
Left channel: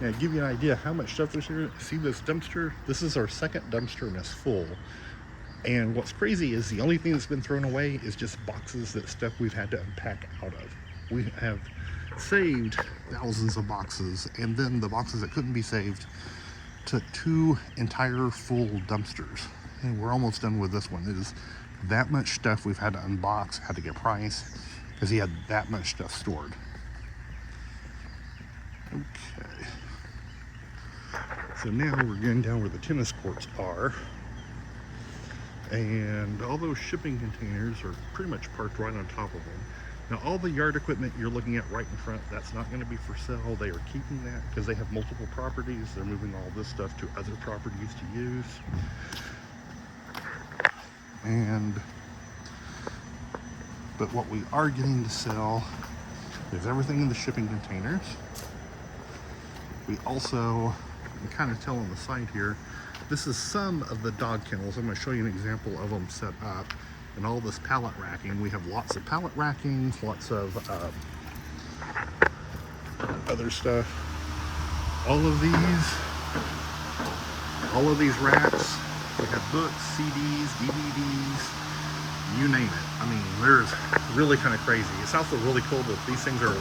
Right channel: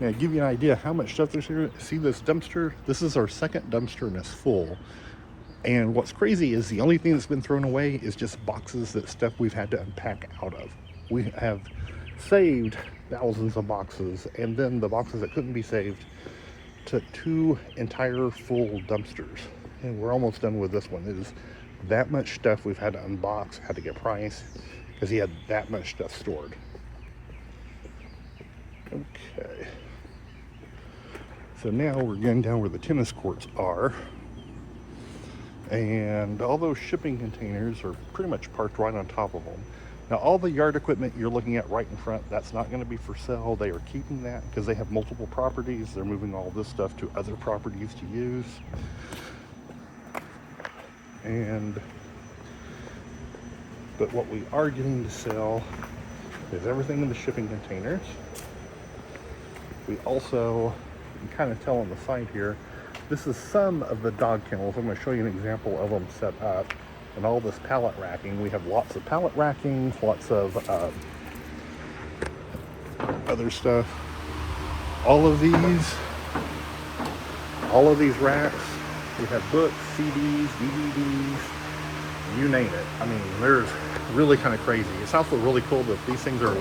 Now, to give you an idea how much stuff there's here, see this dumpster? This is our second dumpster and it's full. And what's crazy is the only thing that's been thrown away is just boxes that stuff we've had to unpack out of. We have saved thousands of boxes, and then the boxes that couldn't be saved took 2 entire full dumpsters. And we're almost done with this one. It is that much stuff we've had to unbox, had to get price, because he had that much stuff stored. Okay. So now we're getting down where the tennis courts are. And all those shipping containers are pretty much parked right on top of them. Now all the yard equipment you're looking at right in front, that's not going to be for sale. They are keeping that because they have multiple properties. They're moving all this stuff to other properties to use. But what we are getting to sell is everything in the shipping containers. We also, you can kind of tell on the side here, this is some of the dog kennels. I'm going to show you an example of them set up. And all this pallet racking. We have lots of pallet racking, lots of other stuff. All of these racks, we have books, CDs, DVDs, you name it. I mean, there's really kind of crazy. It's also really cool that these things are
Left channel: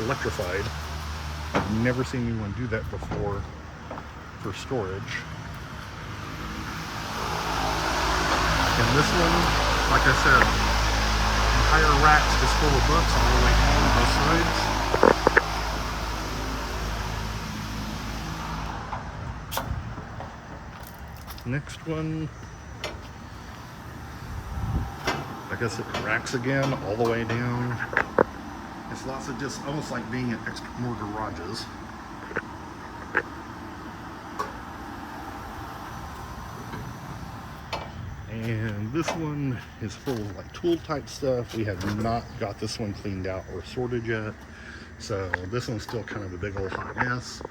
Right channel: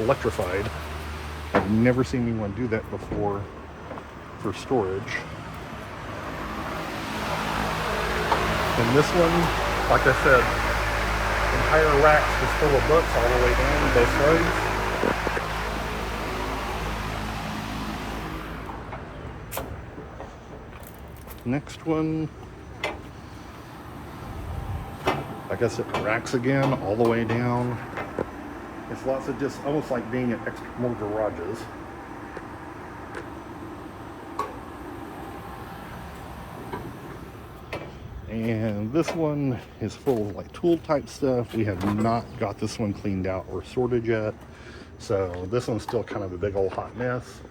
electrified. I've never seen anyone do that before for storage. And this one, like I said, entire racks just full of books all the way down both sides. Next one, like I said, racks again all the way down. It's lots of just almost like being in more garages. And this one is full of like tool type stuff. We have not got this one cleaned out or sorted yet. So this one's still kind of a big old hot mess.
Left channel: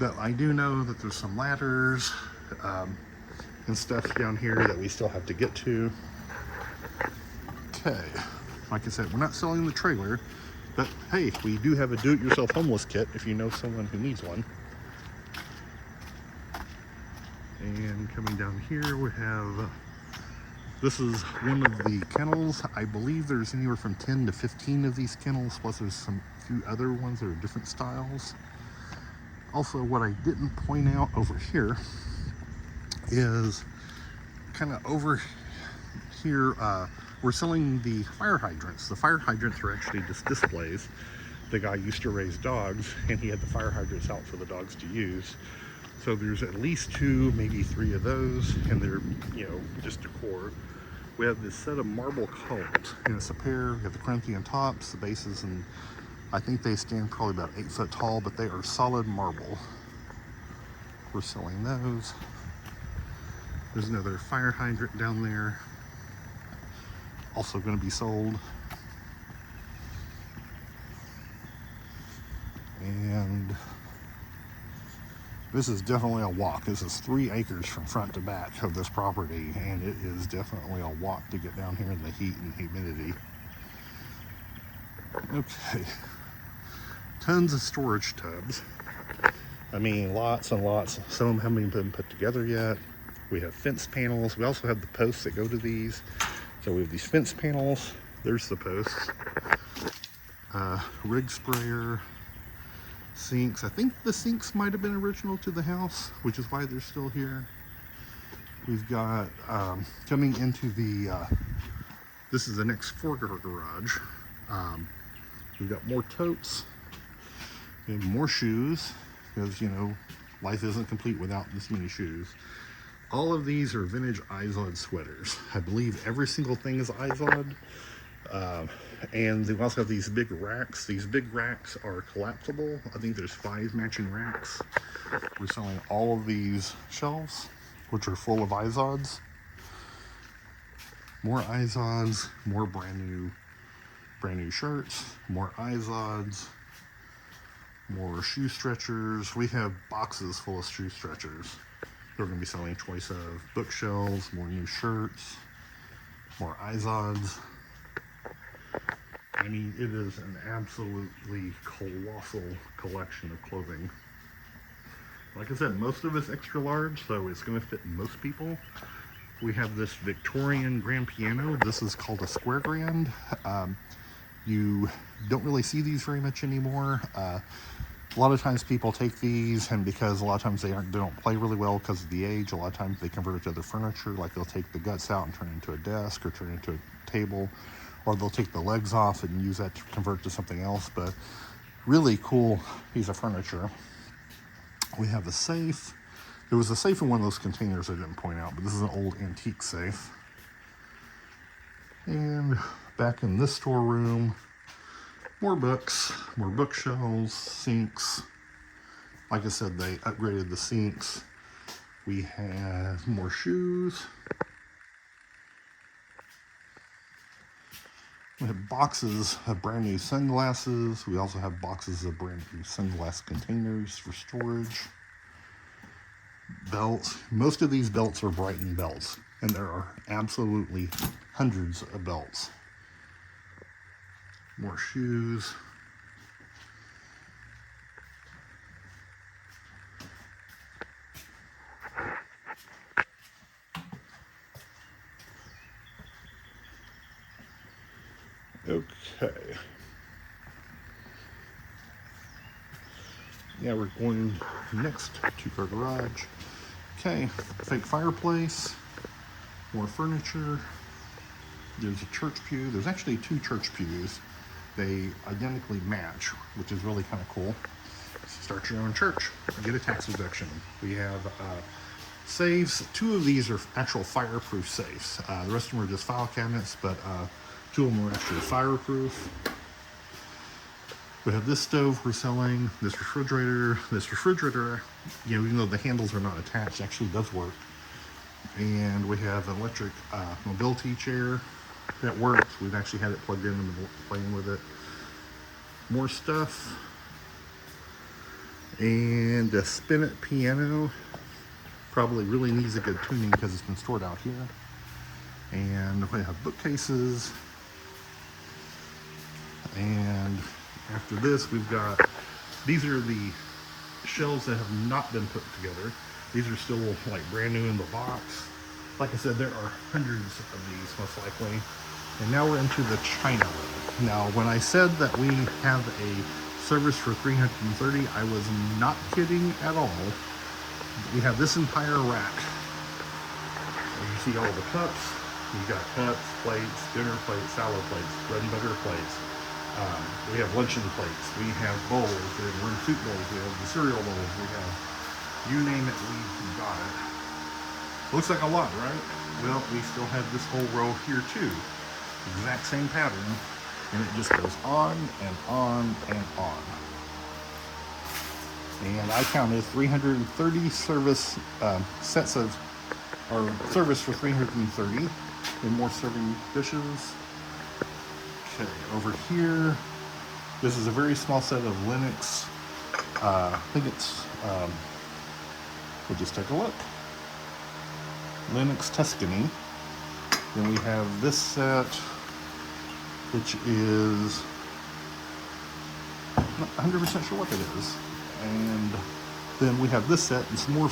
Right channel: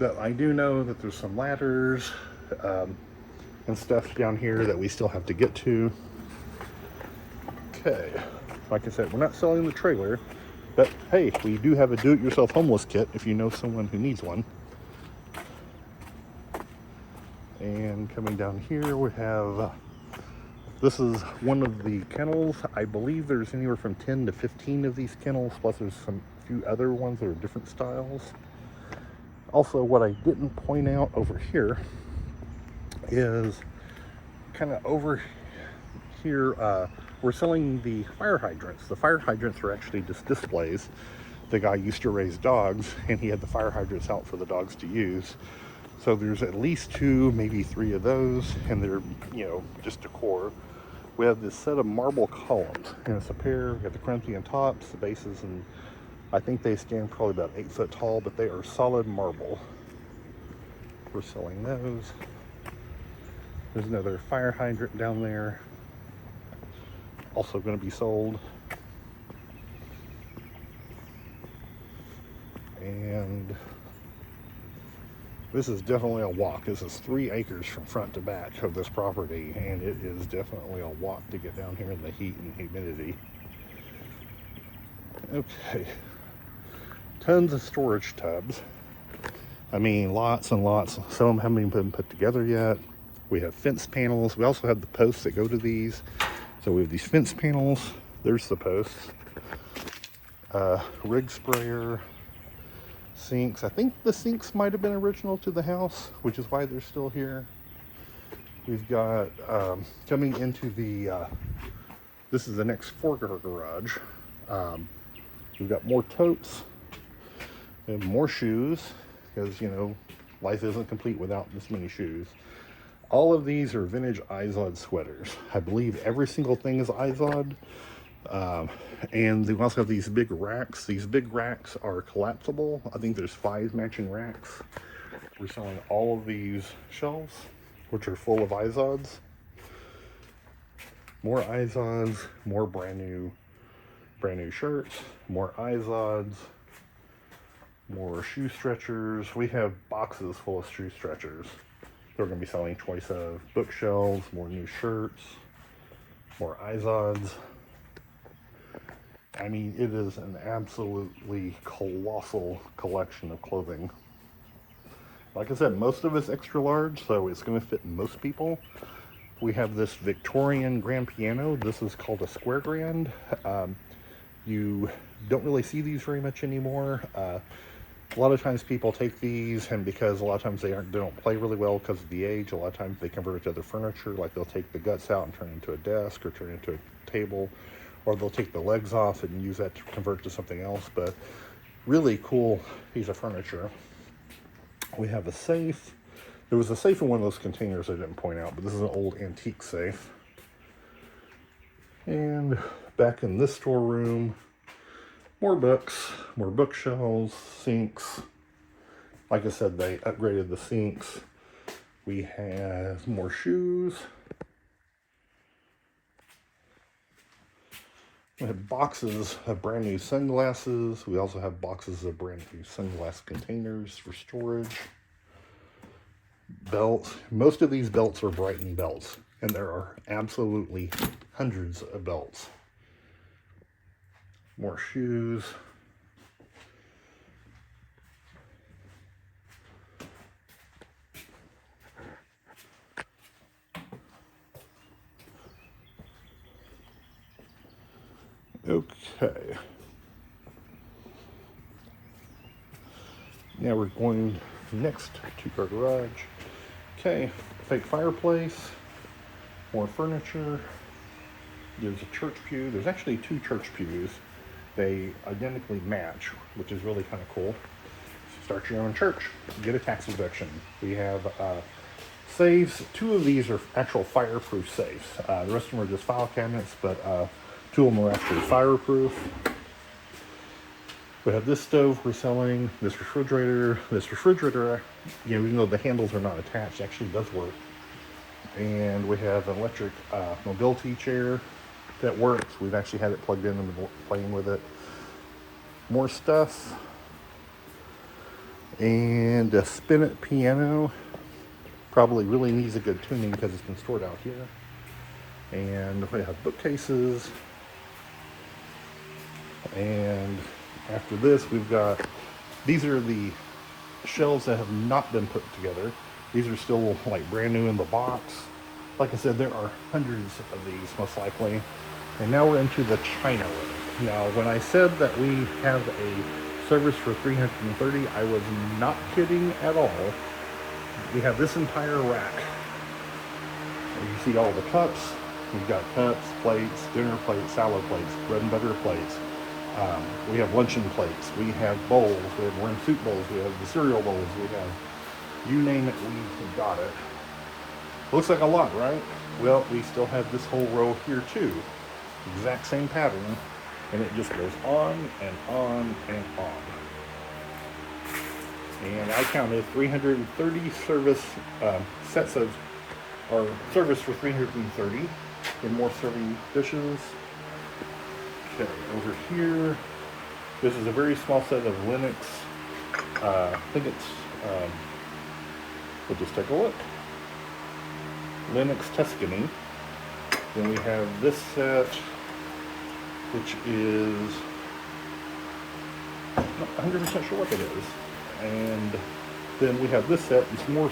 But I do know that there's some ladders and stuff down here that we still have to get to. Okay, like I said, we're not selling the trailer, but hey, we do have a do-it-yourself homeless kit if you know someone who needs one. And coming down here we have, this is one of the kennels. I believe there's anywhere from 10 to 15 of these kennels, plus there's some few other ones that are different styles. Also, what I didn't point out over here is kind of over here, we're selling the fire hydrants. The fire hydrants are actually just displays. The guy used to raise dogs, and he had the fire hydrants out for the dogs to use. So there's at least 2, maybe 3 of those, and they're, you know, just decor. We have this set of marble columns, and it's a pair. We have the Corinthian tops, the bases, and I think they stand probably about 8 foot tall, but they are solid marble. We're selling those. There's another fire hydrant down there, also going to be sold. And this is definitely a walk. This is 3 acres from front to back of this property, and it is definitely a walk to get down here in the heat and humidity. Okay, tons of storage tubs. I mean, lots and lots. Some of them haven't even been put together yet. We have fence panels. We also have the posts that go to these. So we have these fence panels. There's the posts. Rig sprayer. Sinks. I think the sinks might have been original to the house, which is why they're still here. We've got, coming into the, this is the next four-car garage. We've got more totes. We have more shoes, because, you know, life isn't complete without this many shoes. All of these are vintage Izod sweaters. I believe every single thing is Izod. And we also have these big racks. These big racks are collapsible. I think there's 5 matching racks. We're selling all of these shelves, which are full of Izods. More Izods, more brand new shirts, more Izods, more shoe stretchers. We have boxes full of shoe stretchers. They're going to be selling choice of bookshelves, more new shirts, more Izods. I mean, it is an absolutely colossal collection of clothing. Like I said, most of it's extra large, so it's going to fit most people. We have this Victorian grand piano. This is called a square grand. You don't really see these very much anymore. A lot of times people take these, and because a lot of times they don't play really well because of the age, a lot of times they convert it to other furniture. Like they'll take the guts out and turn it into a desk or turn it into a table, or they'll take the legs off and use that to convert to something else. But really cool piece of furniture. We have a safe. There was a safe in one of those containers I didn't point out, but this is an old antique safe. And back in this storeroom, more books, more bookshelves, sinks. Like I said, they upgraded the sinks. We have more shoes. We have boxes of brand new sunglasses. We also have boxes of brand new sunglass containers for storage. Belts. Most of these belts are Brighton belts, and there are absolutely hundreds of belts. More shoes. Okay. Now we're going next to our garage. Okay, fake fireplace, more furniture. There's a church pew. There's actually 2 church pews. They identically match, which is really kind of cool. Start your own church, get a tax deduction. We have safes. 2 of these are actual fireproof safes. The rest of them are just file cabinets, but 2 of them are actually fireproof. We have this stove we're selling, this refrigerator. This refrigerator, you know, even though the handles are not attached, actually does work. And we have an electric mobility chair that works. We've actually had it plugged in and been playing with it. More stuff. And a spinet piano. Probably really needs a good tuning because it's been stored out here. And we have bookcases. And after this, we've got, these are the shelves that have not been put together. These are still like brand new in the box. Like I said, there are hundreds of these most likely. And now we're into the China room. Now, when I said that we have a service for $330, I was not kidding at all. We have this entire rack. You see all the cups. We've got cups, plates, dinner plates, salad plates, bread and butter plates. We have luncheon plates. We have bowls. We have worm soup bowls. We have the cereal bowls. We have, you name it, we've got it. Looks like a lot, right? Well, we still have this whole row here too. Exact same pattern, and it just goes on and on and on. And I counted 330 service sets of, or service for 330, and more serving dishes. Okay, over here, this is a very small set of Linux. I think it's, we'll just take a look. Linux Tuscany. Then we have this set, which is not 100% sure what it is. And then we have this set, it's more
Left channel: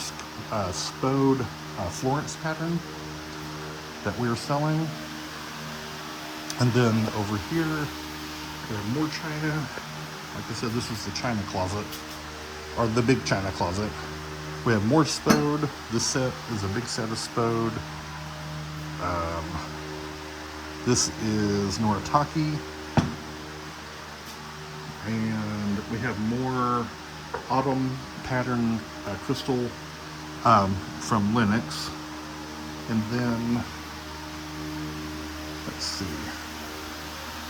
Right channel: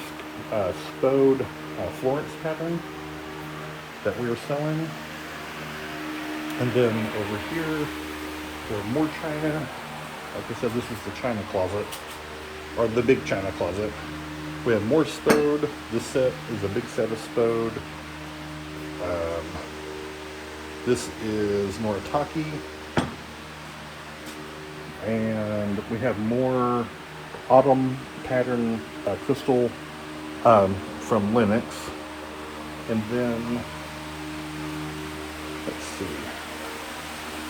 Spode Florence pattern that we are selling. And then over here, we have more china. Like I said, this is the china closet, or the big china closet. We have more Spode. This set is a big set of Spode. This is Noritake. And we have more autumn pattern crystal from Linux. And then, let's see.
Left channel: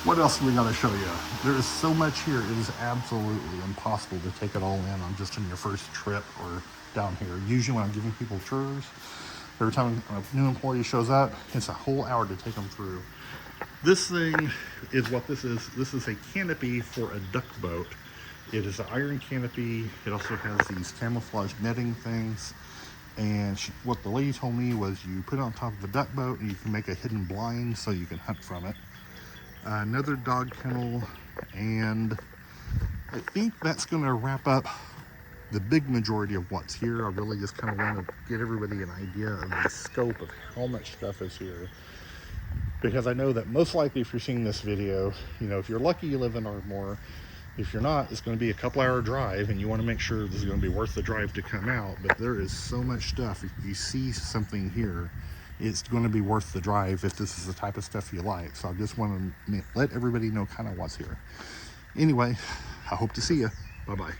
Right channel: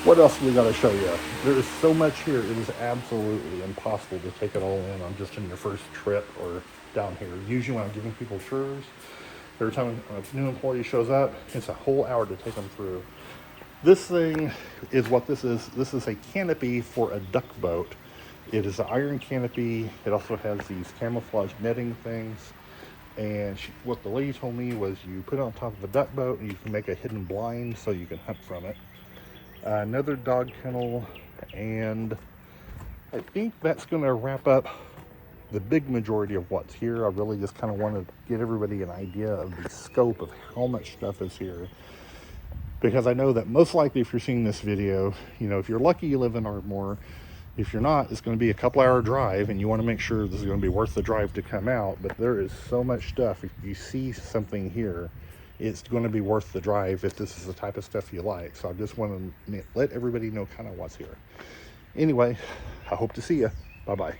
What else we got to show you? There is so much here. It is absolutely impossible to take it all in on just in your first trip or down here. Usually when I'm giving people tours, every time a new employee shows up, it's a whole hour to take them through. This thing is what this is. This is a canopy for a duck boat. It is an iron canopy. It also has these camouflage netting things. And what the lady told me was you put it on top of a duck boat and you can make a hidden blind so you can hunt from it. Another dog kennel, and I think that's going to wrap up the big majority of what's here. I really just kind of want to give everybody an idea of the scope of how much stuff is here, because I know that most likely if you're seeing this video, you know, if you're lucky you live in Ardmore. If you're not, it's going to be a couple-hour drive, and you want to make sure this is going to be worth the drive to come out. But there is so much stuff. If you see something here, it's going to be worth the drive if this is the type of stuff you like. So I just want to let everybody know kind of what's here. Anyway, I hope to see you. Bye-bye.